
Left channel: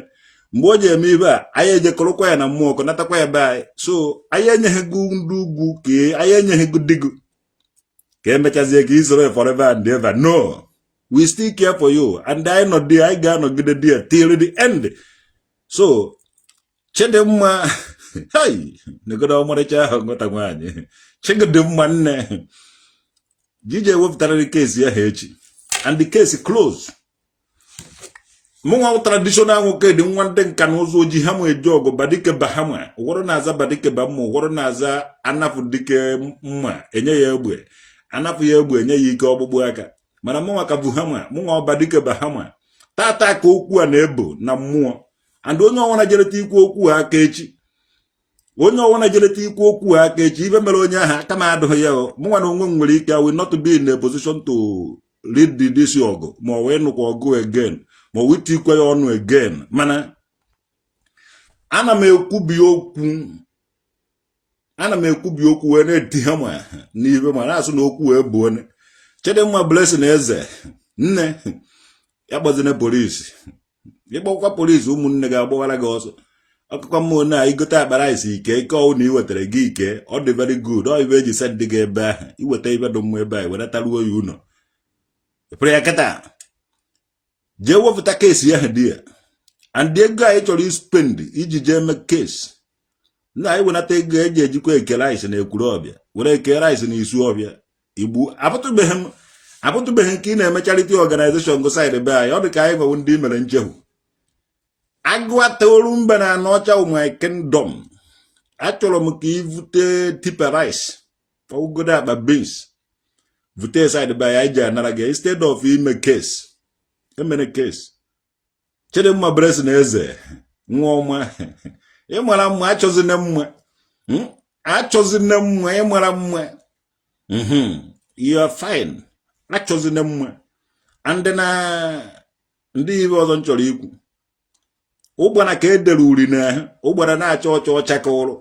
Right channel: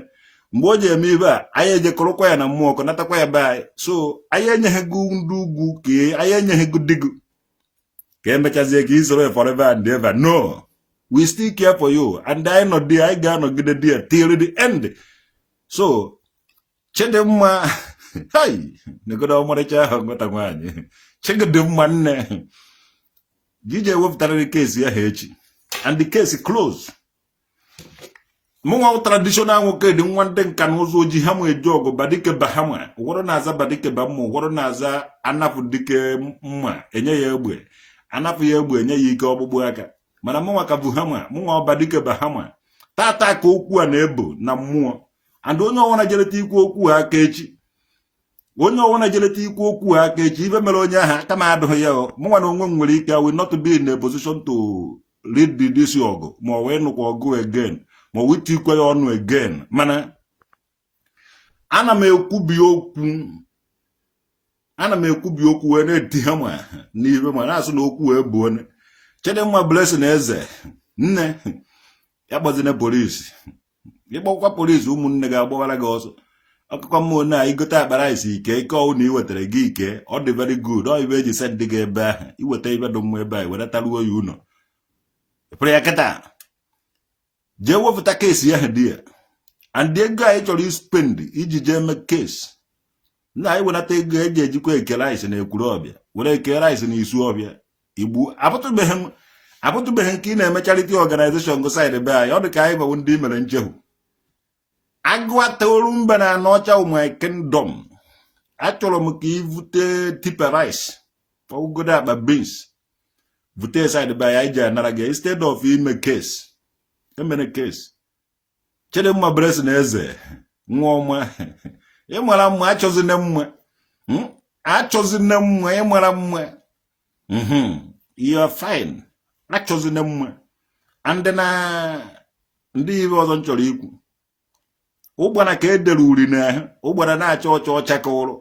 mgbe o ji eme ibe a anyị ejekọrọkwa ya na mmụọ kọ natakwa ya be anyị so anyị enyeghịgo ndị ugwu ka anyị enyeghịgo digo ka emechazie ka isoro forever and ever no we still care for you and anyị nọ dị anyị ga-anọgide dị till the end so Chidimma hai negodo ọmarịcha ahụ ngọta nwaanyị Chidimma nne jije wepụtara case ya ha echi and the case closed mụnwa traditional nwoke dị nwa ndị nka na ụzọ oji ha ma eji ọgụ badike bahama ụgwọrọ na-aza badike ba mma ụgwọrọ na-aza anapụ dike mma enye ya egbe anapụ ya egbe enye ya ike ọgbụgbụ aka mana mụnwa ka bụ hama mụnwa ọbadike bahama tata ka okwu a na-ebo na mmụọ and onye ọnwụna jereta ikwu okwu aka echi ife mere onye ahụ aka na-adụghị ya mụnwa na onwe m nwere ike I will not be in a position to lead this ọgụ ma ọ wee nụkwa ọgụ again ma ọ wee tikwe ya ọnụ again mana ana m ekwubi okwu wee na-eti ha ma n'ibe ma na-asụ na okwu wee bụ onye Chidimma Blessing Eze nne ya gbazina polisi ịgbakwa polisi ụmụnne ga-agbawara gị ọsọ akụkọ mmụọ na igote akpara isi ike ọwụ na iwetara gị ike ọ dị very good ọ ibe eji send gị ebe ahụ iweta ibe dị mma ebe ahụ wenataruo ya ụlọ pụrụ ya kịta jee wepụta kesi ya dị ya and ego anyị chọrọ ispend iji jee mee kesi na anyị wenata ego eji ejikwa eke rice na ekwuru ọbịa were eke rice na isu ọbịa igbu apụtụbeghị nke ị na-eme charity organization go side be anyị ọ dị ka anyị gwawo ndị mere nchehu agụataolu mbe na anọcha my kingdom achọrọ m ka ivute tipa rice ọgụgodo akpa beans vute side be anyị ji anara gị instead of ime case emere case Chidimma Blessing Eze nwa ọma ịmara mma achọzine mma ịmara mma you are fine achọzine mma and na ndị ibe ọzọ nchọrọ ikwu ụgbara ka edere uri na ụgbara na-acha ọcha ka ụrụ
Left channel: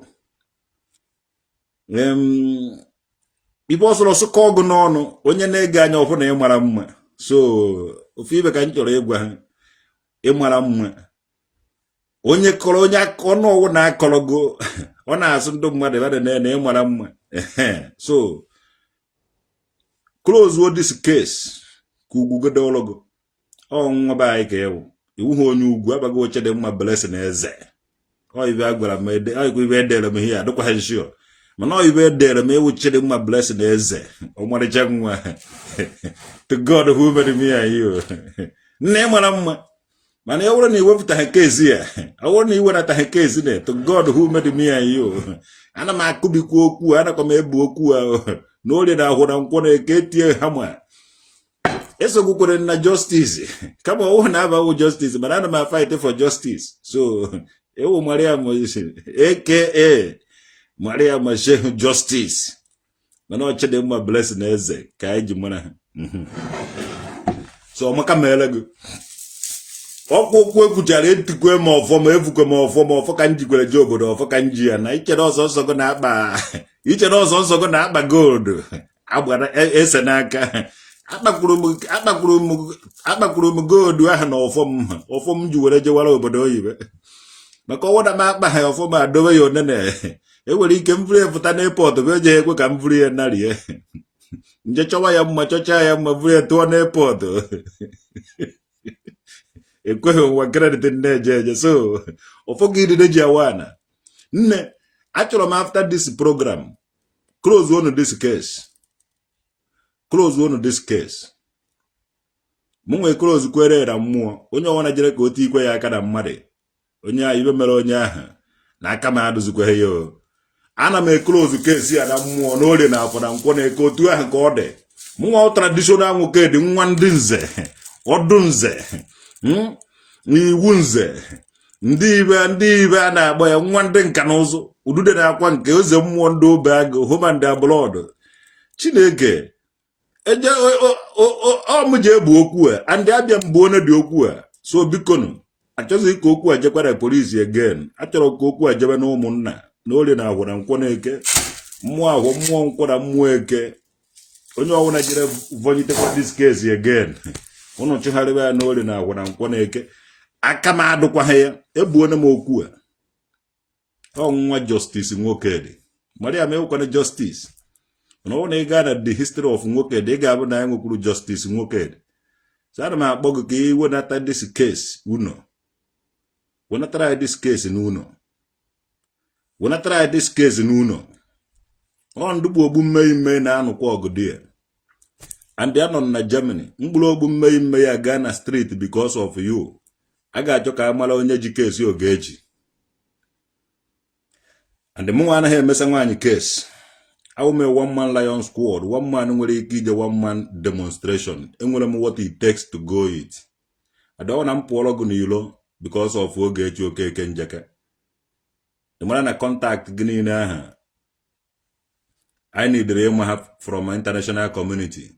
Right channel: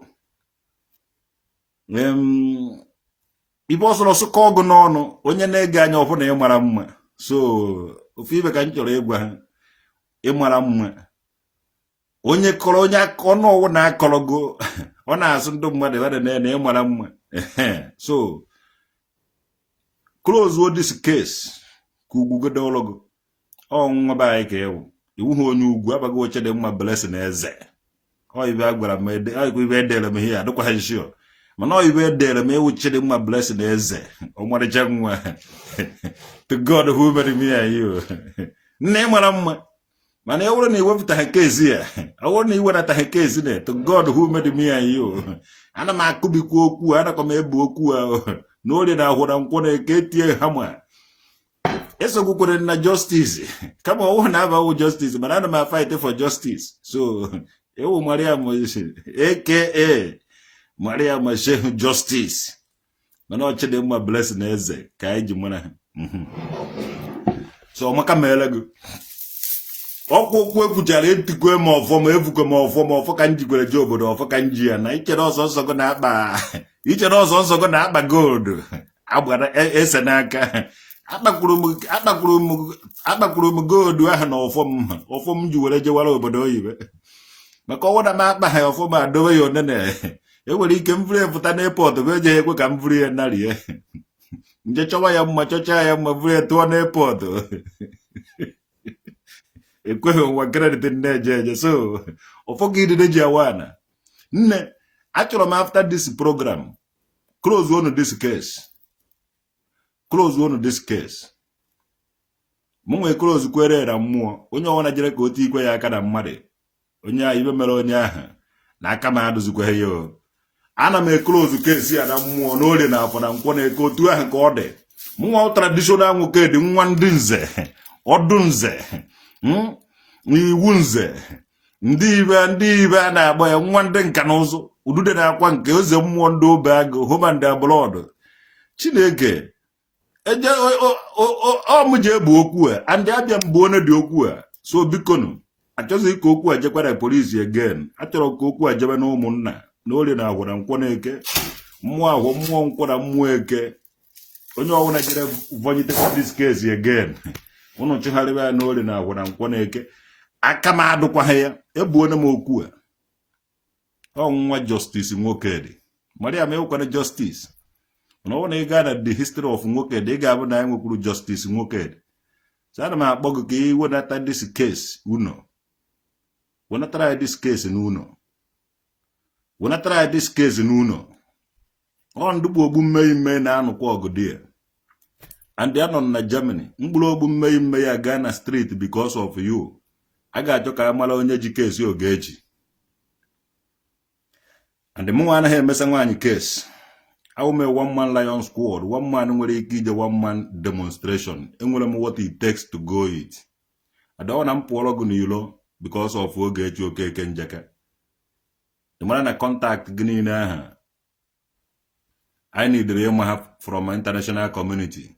ibe ọsọrọ sụkọ ọgụ n'ọnụ onye na-ege anya ọfụ na ịmara mma so ofu ibe ka m chọrọ ịgwa ha ịmara mma onye kọrọ onye ọnụ ọwụ na-akọrọgo ọ na-asụ ndị mmadụ ebe na ịmara mma so close what this case kugugedologo nwa ba anyị ka ewu iwu ha onye ugwu abago oche dị mma blessing eze ibe agwara m ibe edere m ihe adịkwa ha nshio mana ibe edere m ewu chede mma blessing eze ọmarịcha nwa to God who made me and you nne mara mma mana ya wụrụ na iwepụtaghị kezi ya ọ na iwenataghị kezi na to God who made me and you ana m akụbikwa okwu anakwa m ebu okwu ahụ na orie na ahụ na nkwọ na-eke etie ha ma esogbukwere na justice kama ọwụ na abaghị justice mana ana m fight for justice so ewu Mariam aka Mariam Sheikh Justice mana ọ chede mma blessing eze ka anyị ji mara ha so ọmaka meele gị okwu ekwuchara etikwe ma ọfọ ma evukwe ma ọfọ ka njikwere je obodo ọfọ ka nji ya na ichere ọzọ nsọ gị na-akpa gold agbara ese n'aka akpakwuru m gold ahụ na ọfọ m ji were jewara obodo oyibo maka ọwụda m akpa ha ọfọ ma adobe ya onene enwere ike mvuri efụta n'airport bụ eji ekwe ka mvuri ya narie nje chọwa ya mma chọcha ya mma vuri ya tụọ n'airport ekweghị ụwa kredit na-eje eje so ụfọdụ idide ji awana nne achọrọ m after this program close one this case mụ nwee close kwere na mmụọ onye ọwana jere ka o tikwe ya aka na mmadụ onye ahụ ibe mere onye ahụ na aka m adụzikweghị ya ana m close case ya na mmụọ na orie na afọ na nkwọ na-eke otu ahụ ka ọ dị mụnwa traditional nwoke dị nwa ndị nze ọdụ nze iwu nze ndị ibe a na-agba ya nwa ndị nka na ụzụ udude na-akwa nke eze mmụọ ndị obe agụ human and blood Chineke eje ọmụ ji ebu okwu a ndị abịa mgbe onye dị okwu a so bikonu achọghị ka okwu a jekwara polisi again achọrọ ka okwu a jebe na ụmụnna na orie na agwara nkwọ na-eke mmụọ ahụ mmụọ nkwọ na mmụọ eke onye ọwụna jere vojitekwa this case again ụnụ chụgharịwa ya na orie na agwara nkwọ na-eke aka m adụkwaghị ya ebuona m okwu a ọnwụnwa justice nwoke dị Mariam ewukwana justice na ọ na ị gaa na the history of nwoke dị ị ga-abụ na ya nwekwuru justice nwoke dị so ana m akpọ gị ka ị wenata this case uno wenatara this case n'uno wenatara this case n'uno ọ ndụgbu ogbu mmemme na-anụkwa ọgụ dị ya and ya nọ na Germany mkpụrụ ogbu mmemme ya gaa na street because of you a ga-achọ ka amara onye ji kesi Ogechi and mụ anaghị emesa nwaanyị case awume one man lion squad one man nwere ike ije one man demonstration enwere m what it takes to go it adawa na mpụọrọ gị n'ilo because of Ogechi Okeke Njaka ị mara na contact gị niile aha I need ịma ha from my international community.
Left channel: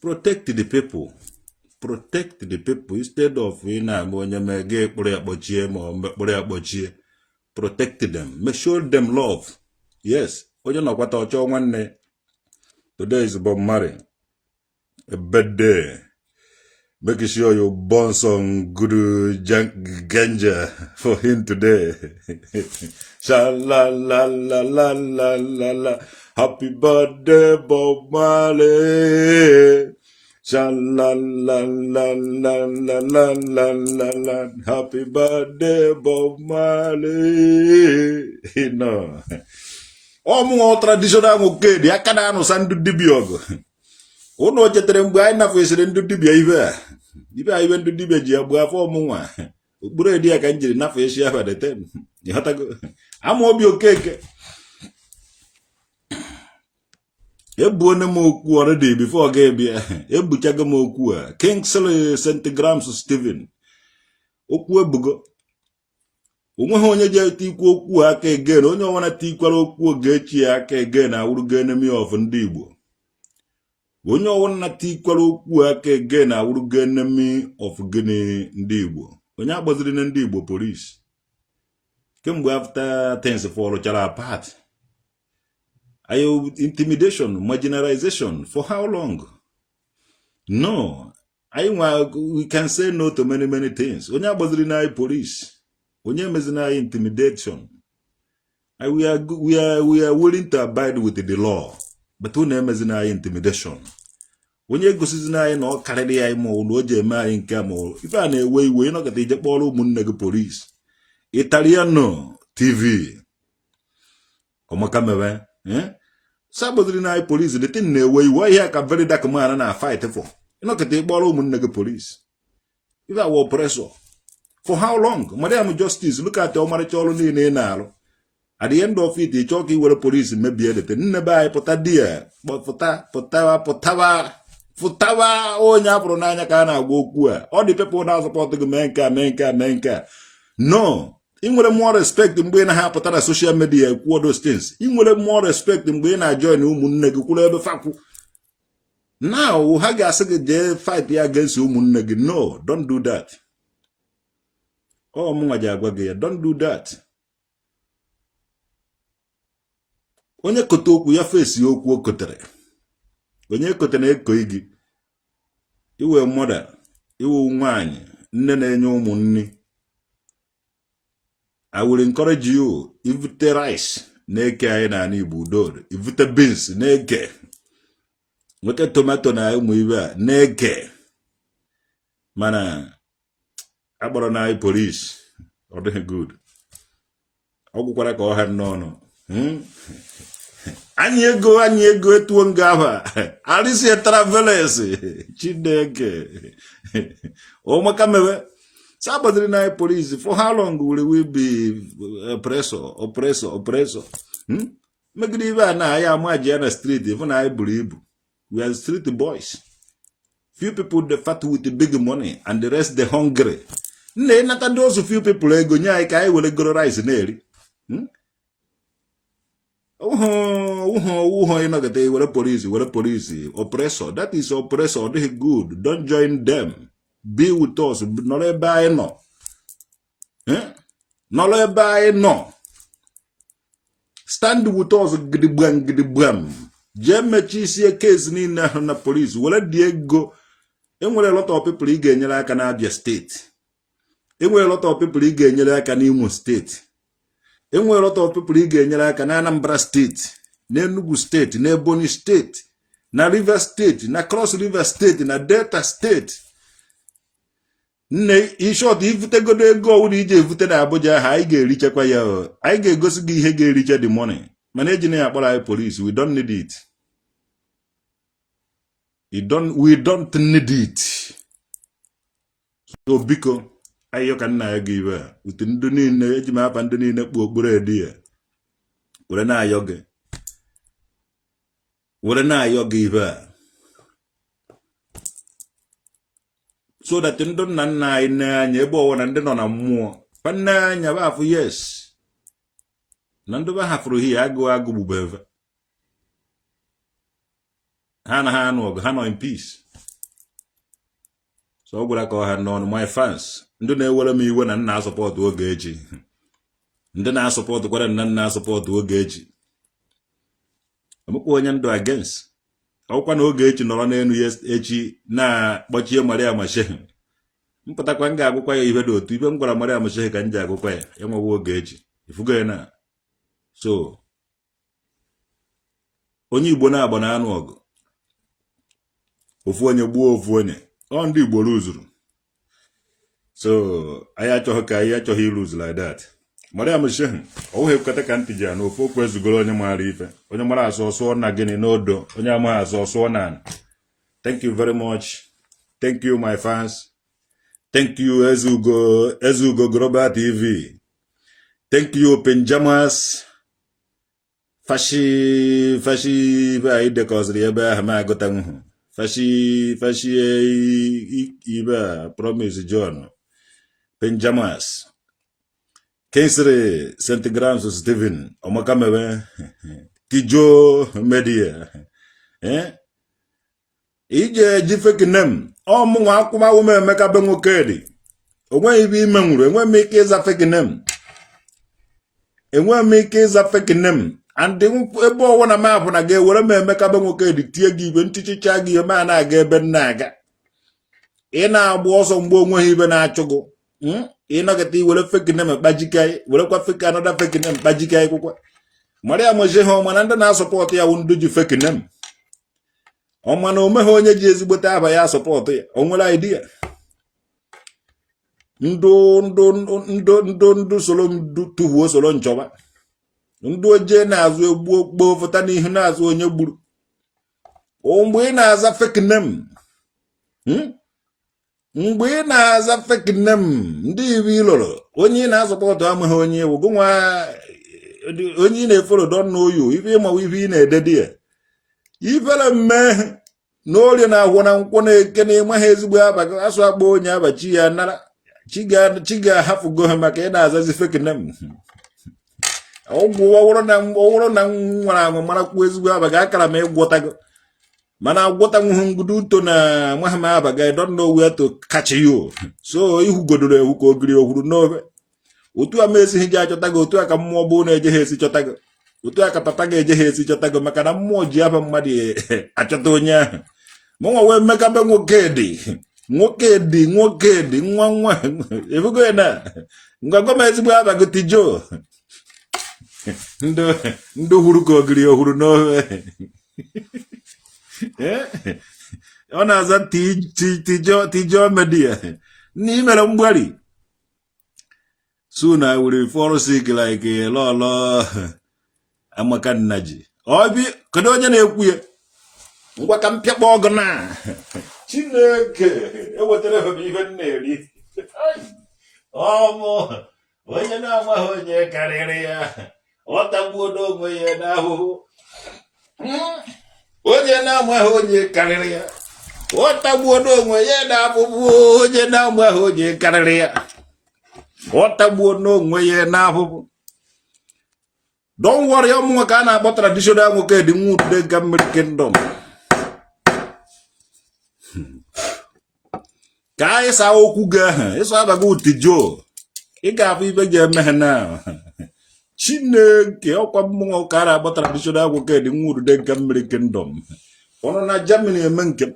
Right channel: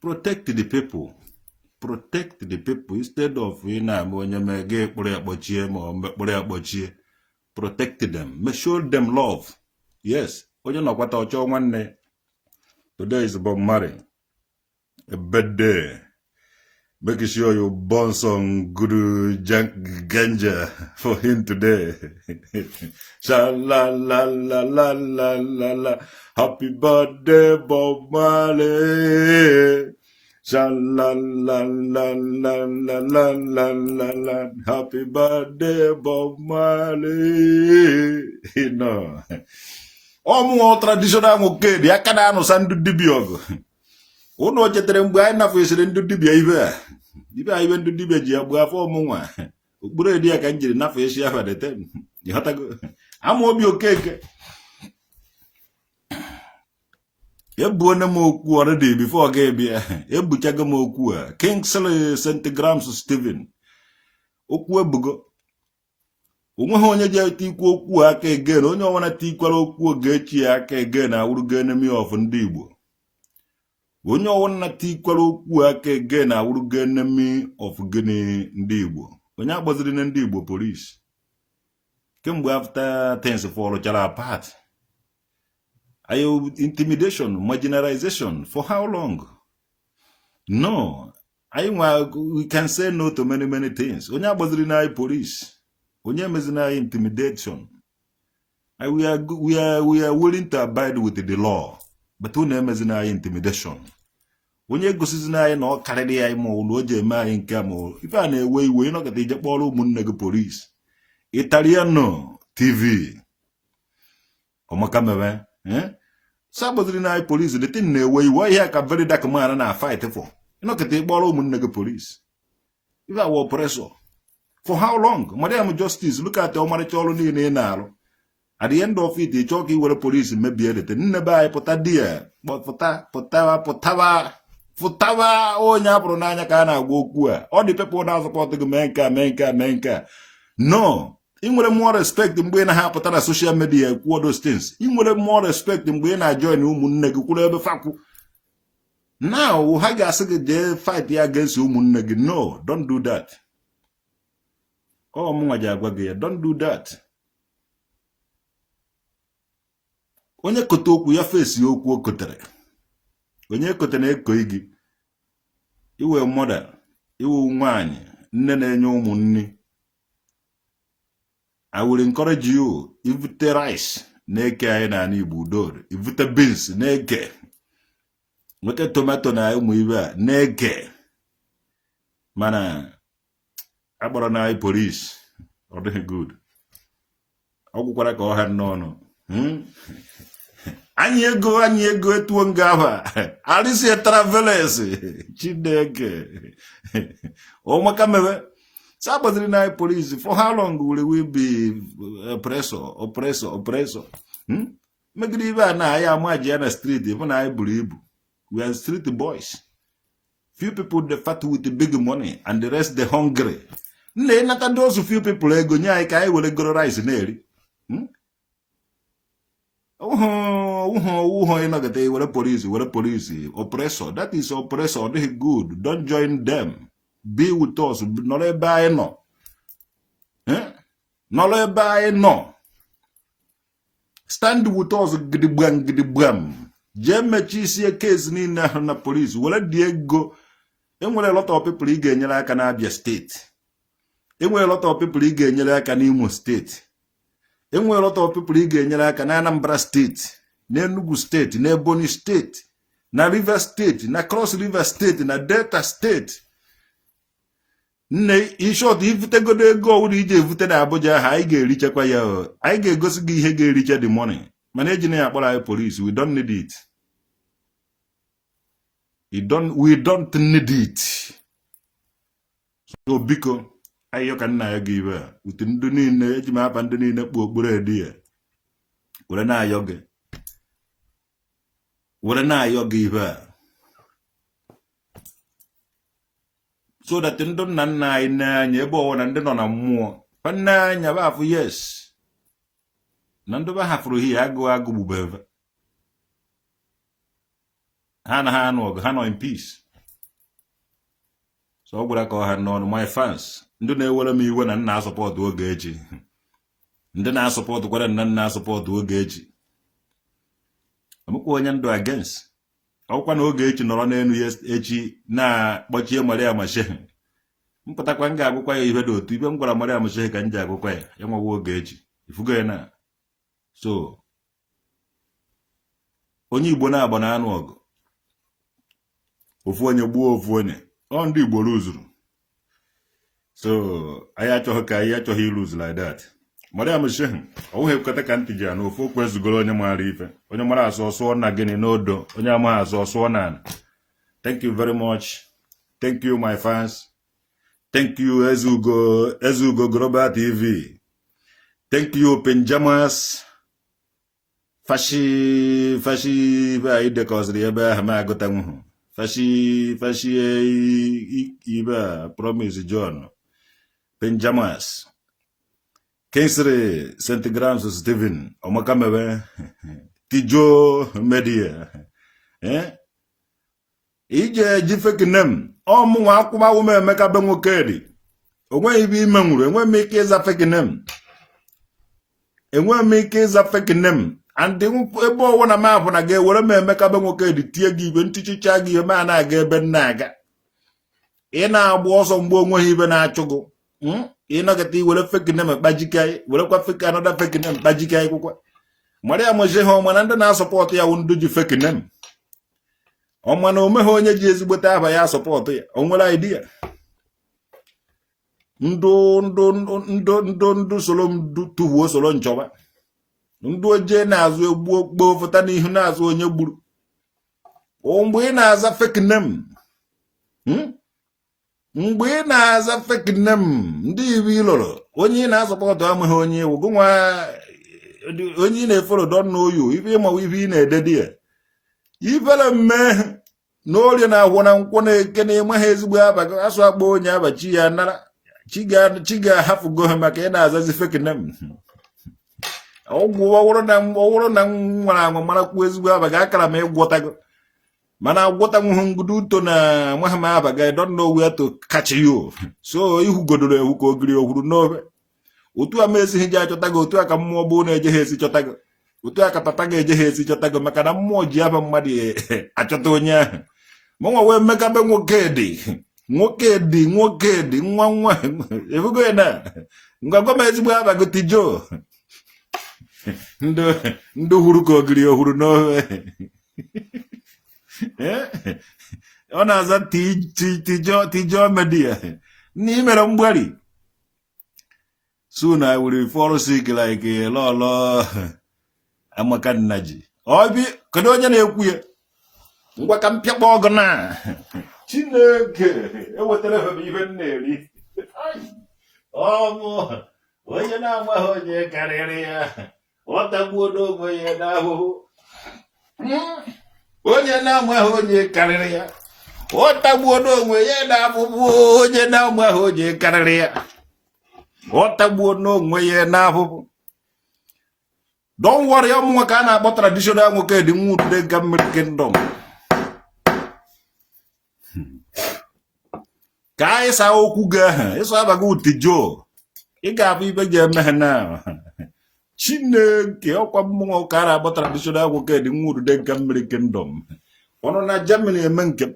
Protect the people instead of protect them, show them love. Yes, today is Bob Marley, a birthday. Make sure you burn some good ganja for him today. Sha la la la la la la la. Happy birthday, Bob Marley. Sha la la la la la la la la la. Happy birthday, Bob Marley. No. More traditional okay. The akada no sandu dibiogo. Uno chetere mgbe anyị nafesịrị ndị dibịa ibe anyị ndị dibịa ji agba afọ ọmụnwa okpuru edi aka njiri nafesi ahụ deten ịghọtago Amaobi Okeke ebuone m okwu already before ga bịa ebuchago m okwu a Kingsley St. Grams Stephen okwu ebugo onweghị onye ji etikwu okwu aka again onye ọwana tikwara okwu Ogechi aka again awụrụgo enemy of ndị Igbo onye ọwụna tikwara okwu aka again na awụrụgo enemy of gịnị ndị Igbo onye agbaziri na ndị Igbo police kemgbe after things fọlụchara apart ayo intimidation marginalization for how long? No, we can say no to many things. Onye agbaziri na police onye mezi na intimidation we are willing to abide with the law. but unu emezina anyị intimidation. Onye gosizina anyị na ọ karịrị ya ma ọ na o ji eme anyị nke ma ife a na-ewe iwe ịnọkọta ije kpọrọ ụmụnne gị polisi. Italiano TV ọmaka mewe sabodiri na anyị polisi the thing na-ewe iwe ihe ka very dark man na fight for ịnọkọta ịkpọrọ ụmụnne gị polisi. Ife awa oppressor for how long? Madam Justice, look at the ọmarịcha ọrụ niile ị na-arụ. At the end of it, ị chọọ ka iwere polisi mebie edete nne be anyị pụta di ya pụtawa onye apụrụ n'anya ka a na-agwa okwu a. All the people na-asọpọtụ gị mee nke a. No, ị nwere more respect mgbe ị na-apụta na social media ekwuo those things. Ị nwere more respect mgbe ị na-join ụmụnne gị kwuru ebe fakwu. Now ha ga-asị gị jee fight ya against ụmụnne gị. No, don't do that. Oh, mụnwa ji agwa gị ya, don't do that. Onye kote okwu ya fesi okwu o kotere. Onye kotere eko gị. Iwe mother, iwe nwaanyị, nne na-enye ụmụ nni. I will encourage you, ivute rice na-eke anyị na Igbo udor, ivute beans na-eke. Nweke tomato na ụmụ ibe a na-eke. Mana agbara na anyị police ọ dịghị good. Ọ gwụkwara ka ọ ha n'ọnụ. Anyị ego etuo nga ahụ. Arịsị travelers Chineke. Ọmaka mewe. Sabadiri na anyị police. For how long will we be oppressor? Megide ibe a na anyị amaji ya na street ịfụ na anyị buru ibu. We are street boys. Few people they fat with the big money and the rest they hungry. Nne nata those few people ego nye anyị ka anyị were goro rice na-eri. Uho ịnọgide were police oppressor. That is oppressor. Ọ dịghị good. Don't join them. Be with us. Nọrọ ebe anyị nọ. Nọrọ ebe anyị nọ. Stand with us gidigbam. Jee mechi isi case niile ahụ na police. Were dị ego. Enwere a lot of people ị ga-enyere aka na Abia State. Enwere a lot of people ị ga-enyere aka na Imo State. Enwere a lot of people ị ga-enyere aka na Anambra State, na Enugu State, na Ebonyi State, na River State, na Cross River State, na Delta State. Nne ishọt ivutegodo ego ọwụrụ ije evute na Abuja ha anyị ga-erichekwa ya. Anyị ga-egosi gị ihe ga-eriche the money. Mana eji na ya akpọrọ anyị police. We don't need it. We don't need it. So biko ayo ka nna ya gị ibe a utu ndị niile eji m apa ndị niile kpụ okpuru edi ya were na-ayọ gị ibe a so that ndị nna nna anyị na-anya ebe ọwụ na ndị nọ na mmụọ nne anya ba afụ yes na ndị ba hafụrụ hi agụ gbubeve ha na ha anụ ọgụ ha nọ in peace. So ọ gwara ka ọ ha n'ọnụ my fans ndị na-ewere m iwe na nna asọpọtụ Ogechi. Ndị na-asọpọtụ kwara nna asọpọtụ Ogechi. Amụkwa onye ndụ against. Ọkwa na Ogechi nọrọ n'enu echi na-akpọchie Maria Mashehe. Mpụtakwa m ga-agụkwa ya ihe dị otu ibe m gwara Maria Mashehe ka m ji agụkwa ya enwewa Ogechi. Ifugo ya na. So onye Igbo na-agba na anụ ọgụ. Ofu onye gbuo ofu onye. Ọ ndị Igbo ruzuru. So anyị achọghị iruz like that. Maria Mashehe ọwụghị ekweta ka ntị ji ya na ofu okwu ezugoro onye mara ife. Onye mara asụ ọsụọ na gịnị n'odo. Onye amaghị asụ ọsụọ na. Thank you very much. Thank you my fans. Thank you Ezugo Global TV. Thank you Penjamas. Fashi anyị dekọziri ebe ahụ ma agụta nwụhụ. Fashi ibe Promise John. Penjamas. Kinsri St. Grams Stephen. Omakamewe. Tijo Media. Ije jifeki nem. Mụnwa akwụma ume emeka be nwoke dị. Onwe ibe ime nwuru. Enwe m ike ịza feki nem. And ebe ọwụ na mapụ na ga-ewere m emeka be nwoke dị tie gị ibe ntichicha gị eme a na-aga ebe na-aga. Ị na-agba ọsọ mgbe onweghị ibe na-achụgụ. Ị nọkịta iwere feki nem kpajike anyị. Werekwa feki anọda feki nem kpajike anyị kwụkwa. Maria Moje ha ọma na ndị na-asọpọtụ ya ndị ji fake name. Ọma na ome ha onye ji ezigbote aba ya asọpọtụ ya. O nwere idea. Ndụ solo tuhuo solo nchọba. Ndụ oje na-azụ egbu okpo fụta n'ihu na-azụ onye gburu. Mgbe ị na-aza fake name. Mgbe ị na-aza fake name ndị iwu ilolo onye na-asọpọtụ amaghị onye ewu gụnwa onye na-efolo don know you ife ịmawa ife ị na-ededi ya ifere mme na ori na-ahụ na nkwụ na-eke na ịmaghị ezigbo abaghị asụ akpọ onye abachi ya nara chi ga-ahapụgo ha maka ị na-azazi fake name. Ọgwụ ọwụrụ na nwara anwụ marakwu ezigbo abaghị akara ma ịgwọtago mana agwọta nwụhụ ngudu uto na mahama abaghị I don't know where to catch you. So ihu godoro ewu ka ogiri ohuru n'obe otu a ma esighị gị achọta gị otu a ka mmụọ bụ na-eje ha esi chọta gị otu a ka papa ga-eje ha esi chọta gị maka na mmụọ ji aba mmadụ achọta onye ahụ mụnwa wee mmekabe nwoke dị nwa efugo ya na ngwagwa m ezigbo aba gị tijo ndị hụrụ ka ogiri ohuru n'obe ọ na-aza tijo media n'imere mgbari. Soon I will fall sick like a lolo amakanaji. Obi, kedu onye na-ekwu ya? Ngwa ka mpịakpọ ọgụ na. Chineke, ewetara ebe ife na-eri. Ọmụ, onye na-amaghị onye karịrị ya. Ọ tagbuo n'ogbe ya n'ahụhụ. Onye na-amaghị onye karịrị ya. Ọ tagbuo n'ogbe ya n'ahụhụ. Onye na-amaghị onye karịrị ya. Otagbuo n'onwe ya n'ahụhụ. Don't worry, ọmụnwa ka a na-akpọ traditional nwoke dị nwa ude ga mmiri kingdom. Ka anyị saa okwu gị ahụ, ịsọ abaghị utijo. Ị ga-afụ ibe ga-eme ha na. Chineke ọkwa mmụnwa ka a na-akpọ traditional nwoke dị nwa ude ga mmiri kingdom. Ọnụ na Germany eme nke.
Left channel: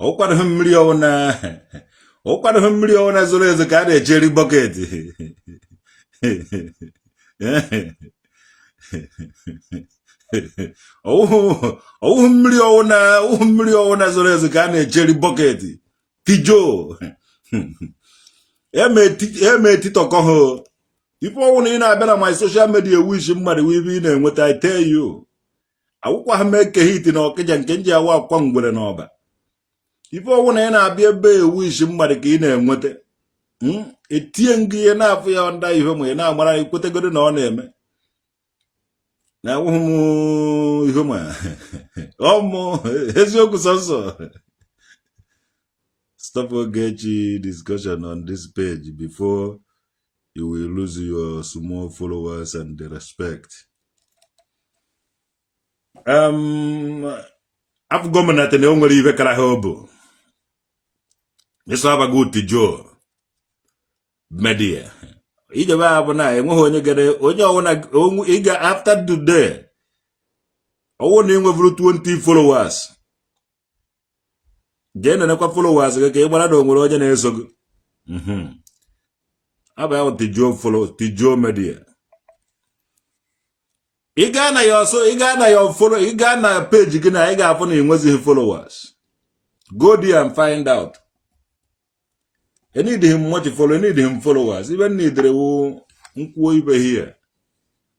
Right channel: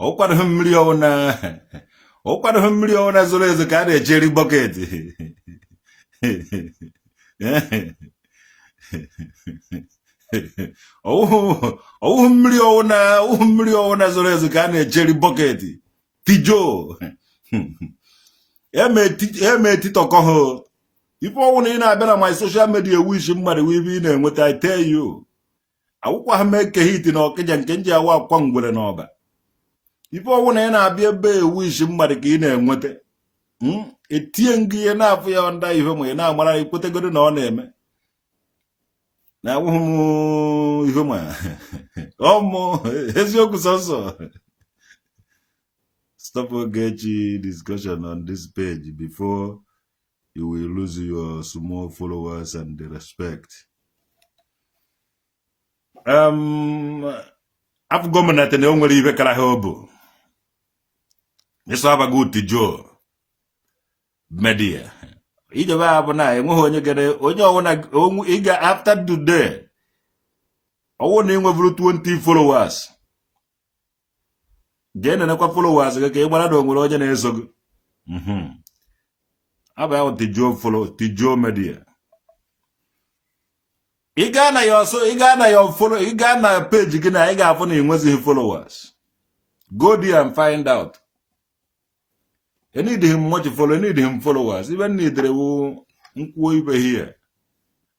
Ọkwanụ mmiri ọwụna zoro ezo ka a na-ejeri bọket. Ọwụhụ mmiri ọwụna zoro ezo ka a na-ejeri bọket. Tijo eme etitọkọ ha ife ọwụna ị na-abịa na my social media wish mmadụ ibe ị na-enweta I tell you. Akwụkwọ ha mee kehiti na ọkịja nke nji awa akwa ngwere n'ọba ife ọwụ na ị na-abịa ebe ewish mmadụ ka ị na-enweta etie ngị ihe na-afụ ya nda ihe ma ị na-amara ikwetegoro na ọ na-eme na awụghị m ihe ma ọmụ eziokwu sọsọ. Stop Ogechi discussion on this page before you will lose your small followers and the respect. Afọ gọọmenti na o nwere ibe kara ha obo ịsọ abaghị utijo media ijebe abụ na enweghị onye gere onye ọwụna ịga after today ọwụ na enwevuru 20 followers dee na-enekwa followers gị ka ị gbara na onwere onye na-eso gị aba ya tijo media. Ị gaa na page gị na ị ga-afụ na enwezighị followers. Go there and find out. I need him much follow, I need him followers. Even need nkwuo ibe here.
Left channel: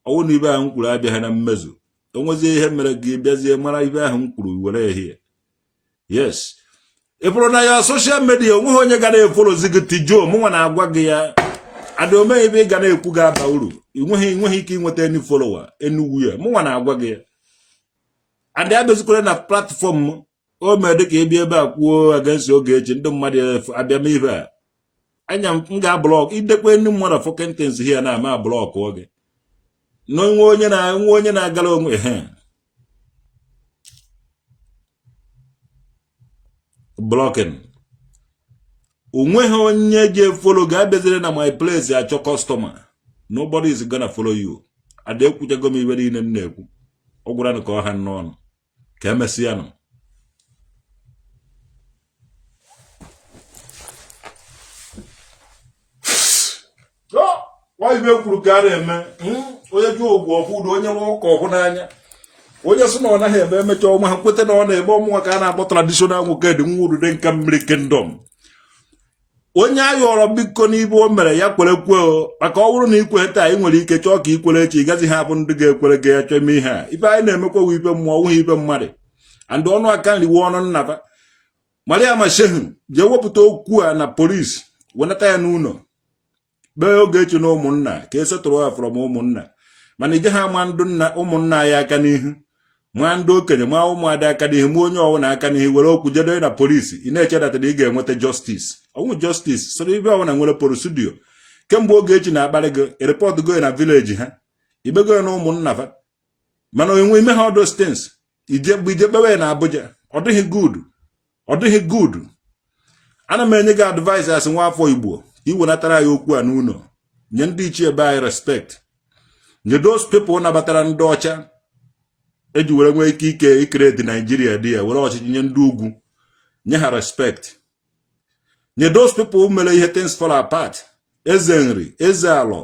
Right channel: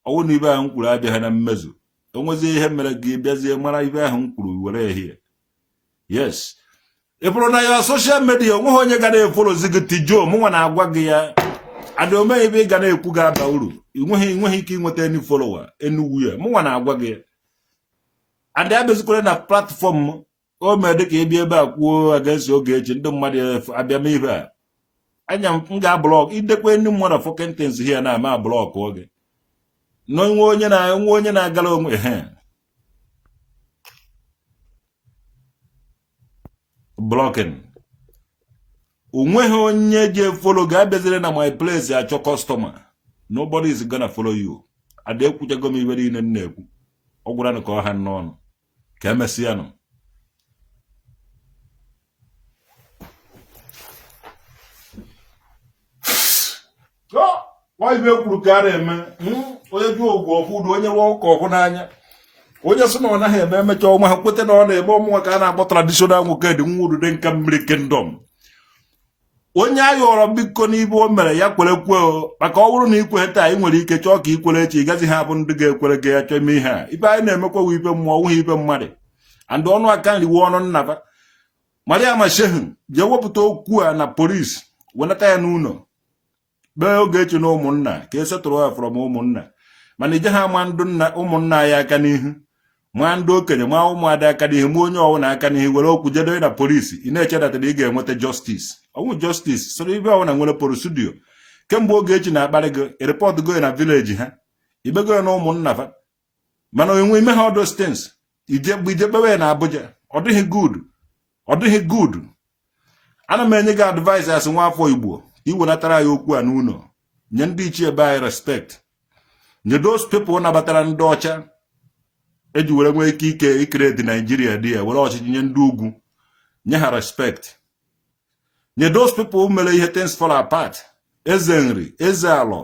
Ọwụ na ibe ahụ nkwuru abịaghị na mmezu. O nwezi ihe mere gị bịazie mara ibe ahụ nkwuru were here. Yes. Ị bụrụ na ya social media onweghị onye ga na-efolozi gị tijo mụnwa na-agwa gị ya. Adị ome ibe ị ga na-ekwu gị aba uru. Inweghị ike inweta any follower enugwu ya mụnwa na-agwa gị adị abezikwere na platform o mee dị ka ebi ebe a kwuo against Ogechi ndị mmadụ abịa m ihe a anya m ga-ablọk idekwe ndị mmadụ fọkentens here na ama blọk oge nwe onye na-agala onwe blocking onweghị onye ga-efolo ga-abịazire na my place achọ customer. Nobody is gonna follow you. ada ekwuchago m ibe niile na-ekwu ọ gwara ka ọha n'ọnụ ka emesịa nụ ọ ibe kwuru ka a na-eme onye ju ogwu ọfụdo onye nwe ụka ọfụ n'anya onye sị na ọ naghị eme emecha ọnwa ha kweta na ọ na-eme ụmụnwa ka a na-akpọ traditional nwoke dị nwa udude nke mmiri kingdom onye ayọrọ biko n'ibe o mere ya kwere kwe maka ọ bụrụ na ikwe taa ị nwere ike chọọ ka ikwere echi ị gazi ha bụ ndị ga-ekwere gị ya chọọ ime ihe a ibe anyị na-emekwa ibe mmụọ ọwụghị ibe mmadụ and ọnụ aka nriwe ọnụ nnaba Maria Mashehu jee wepụta okwu a na polisi wenata ya n'ụlọ kpee Ogechi na ụmụnna ka esetụrụ ya from ụmụnna mana ije ha ama ndụ nna ụmụnna ya aka n'ihu ma ndị okenye ma ụmụada aka n'ihu ma onye ọbụla aka n'ihu were okwu jedo na polisi ị na-echedatara ị ga-enweta justice ọnwụ justice soro ibe ọbụla nwere porosudio kemgbe Ogechi na-akparị gị report go na village ha ibego na ụmụnna fa mana onwe ime ha those things ije kpewe na Abuja ọ dịghị good ana m enye gị advice as nwa afọ Igbo iwenatara ya okwu a n'ụlọ nye ndị ichie ebe anyị respect nye those people nabatara ndị ọcha eji were nwee ike ikere dị Nigeria dị ya were ọchịchị nye ndị ugwu nye ha respect nye those people mere ihe things fall apart eze nri eze alọ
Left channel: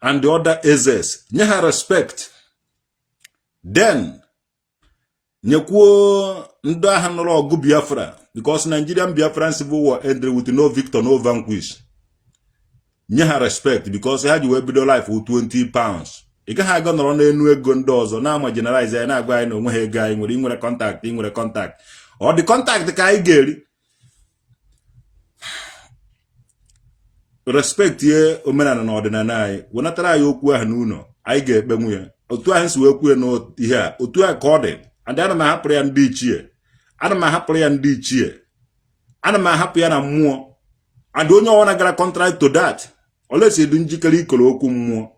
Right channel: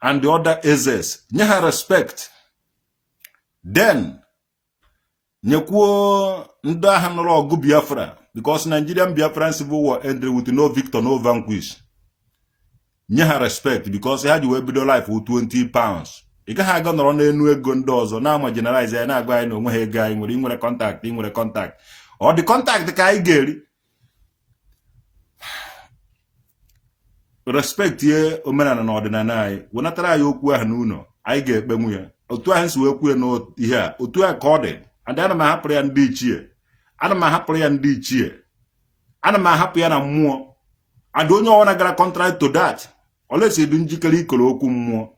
and the other ezes nye ha respect then nyekwuo ndị agha nọrọ ọgụ Biafra because Nigerian Biafran civil war ended with no victor no vanquish nye ha respect because ha ji wee bido life with 20 pounds ị gaghị aga nọrọ n'enu ego ndị ọzọ na-ama generalize anyị na-agwa anyị na onwe ha ego anyị nwere inwere contact ọ dị contact ka anyị ga-eri respect ye omenala na ọdịnala anyị wenatara anyị okwu ahụ n'ụlọ anyị ga-ekpenwu ya otu ahụ si wee kwuo n'ihe a otu a ka ọ dị and ana m ahapụrụ ya ndị ichie ana m ahapụ ya na mmụọ and onye ọwụna gara contrary to that olesi dị njikere ikoro okwu mmụọ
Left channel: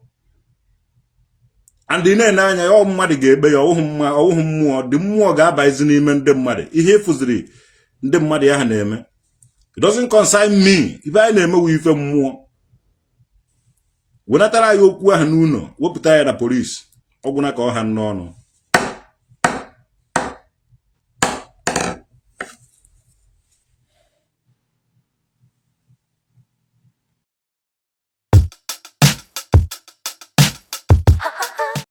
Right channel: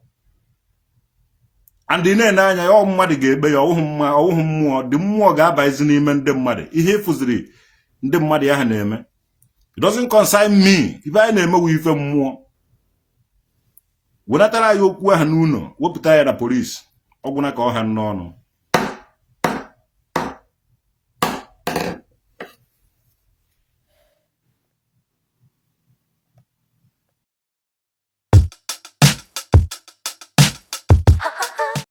and ị na-ene anya ya mmadụ ga-ekpe ya ọwụhụ mmụọ dị mmụọ ga-abazi n'ime ndị mmadụ ihe ịfụziri ndị mmadụ ahụ na-eme it doesn't concern me ife anyị na-emewe ife mmụọ wenatara ya okwu ahụ n'ụlọ wepụta ya na polisi ọgwụna ka ọha n'ọnụ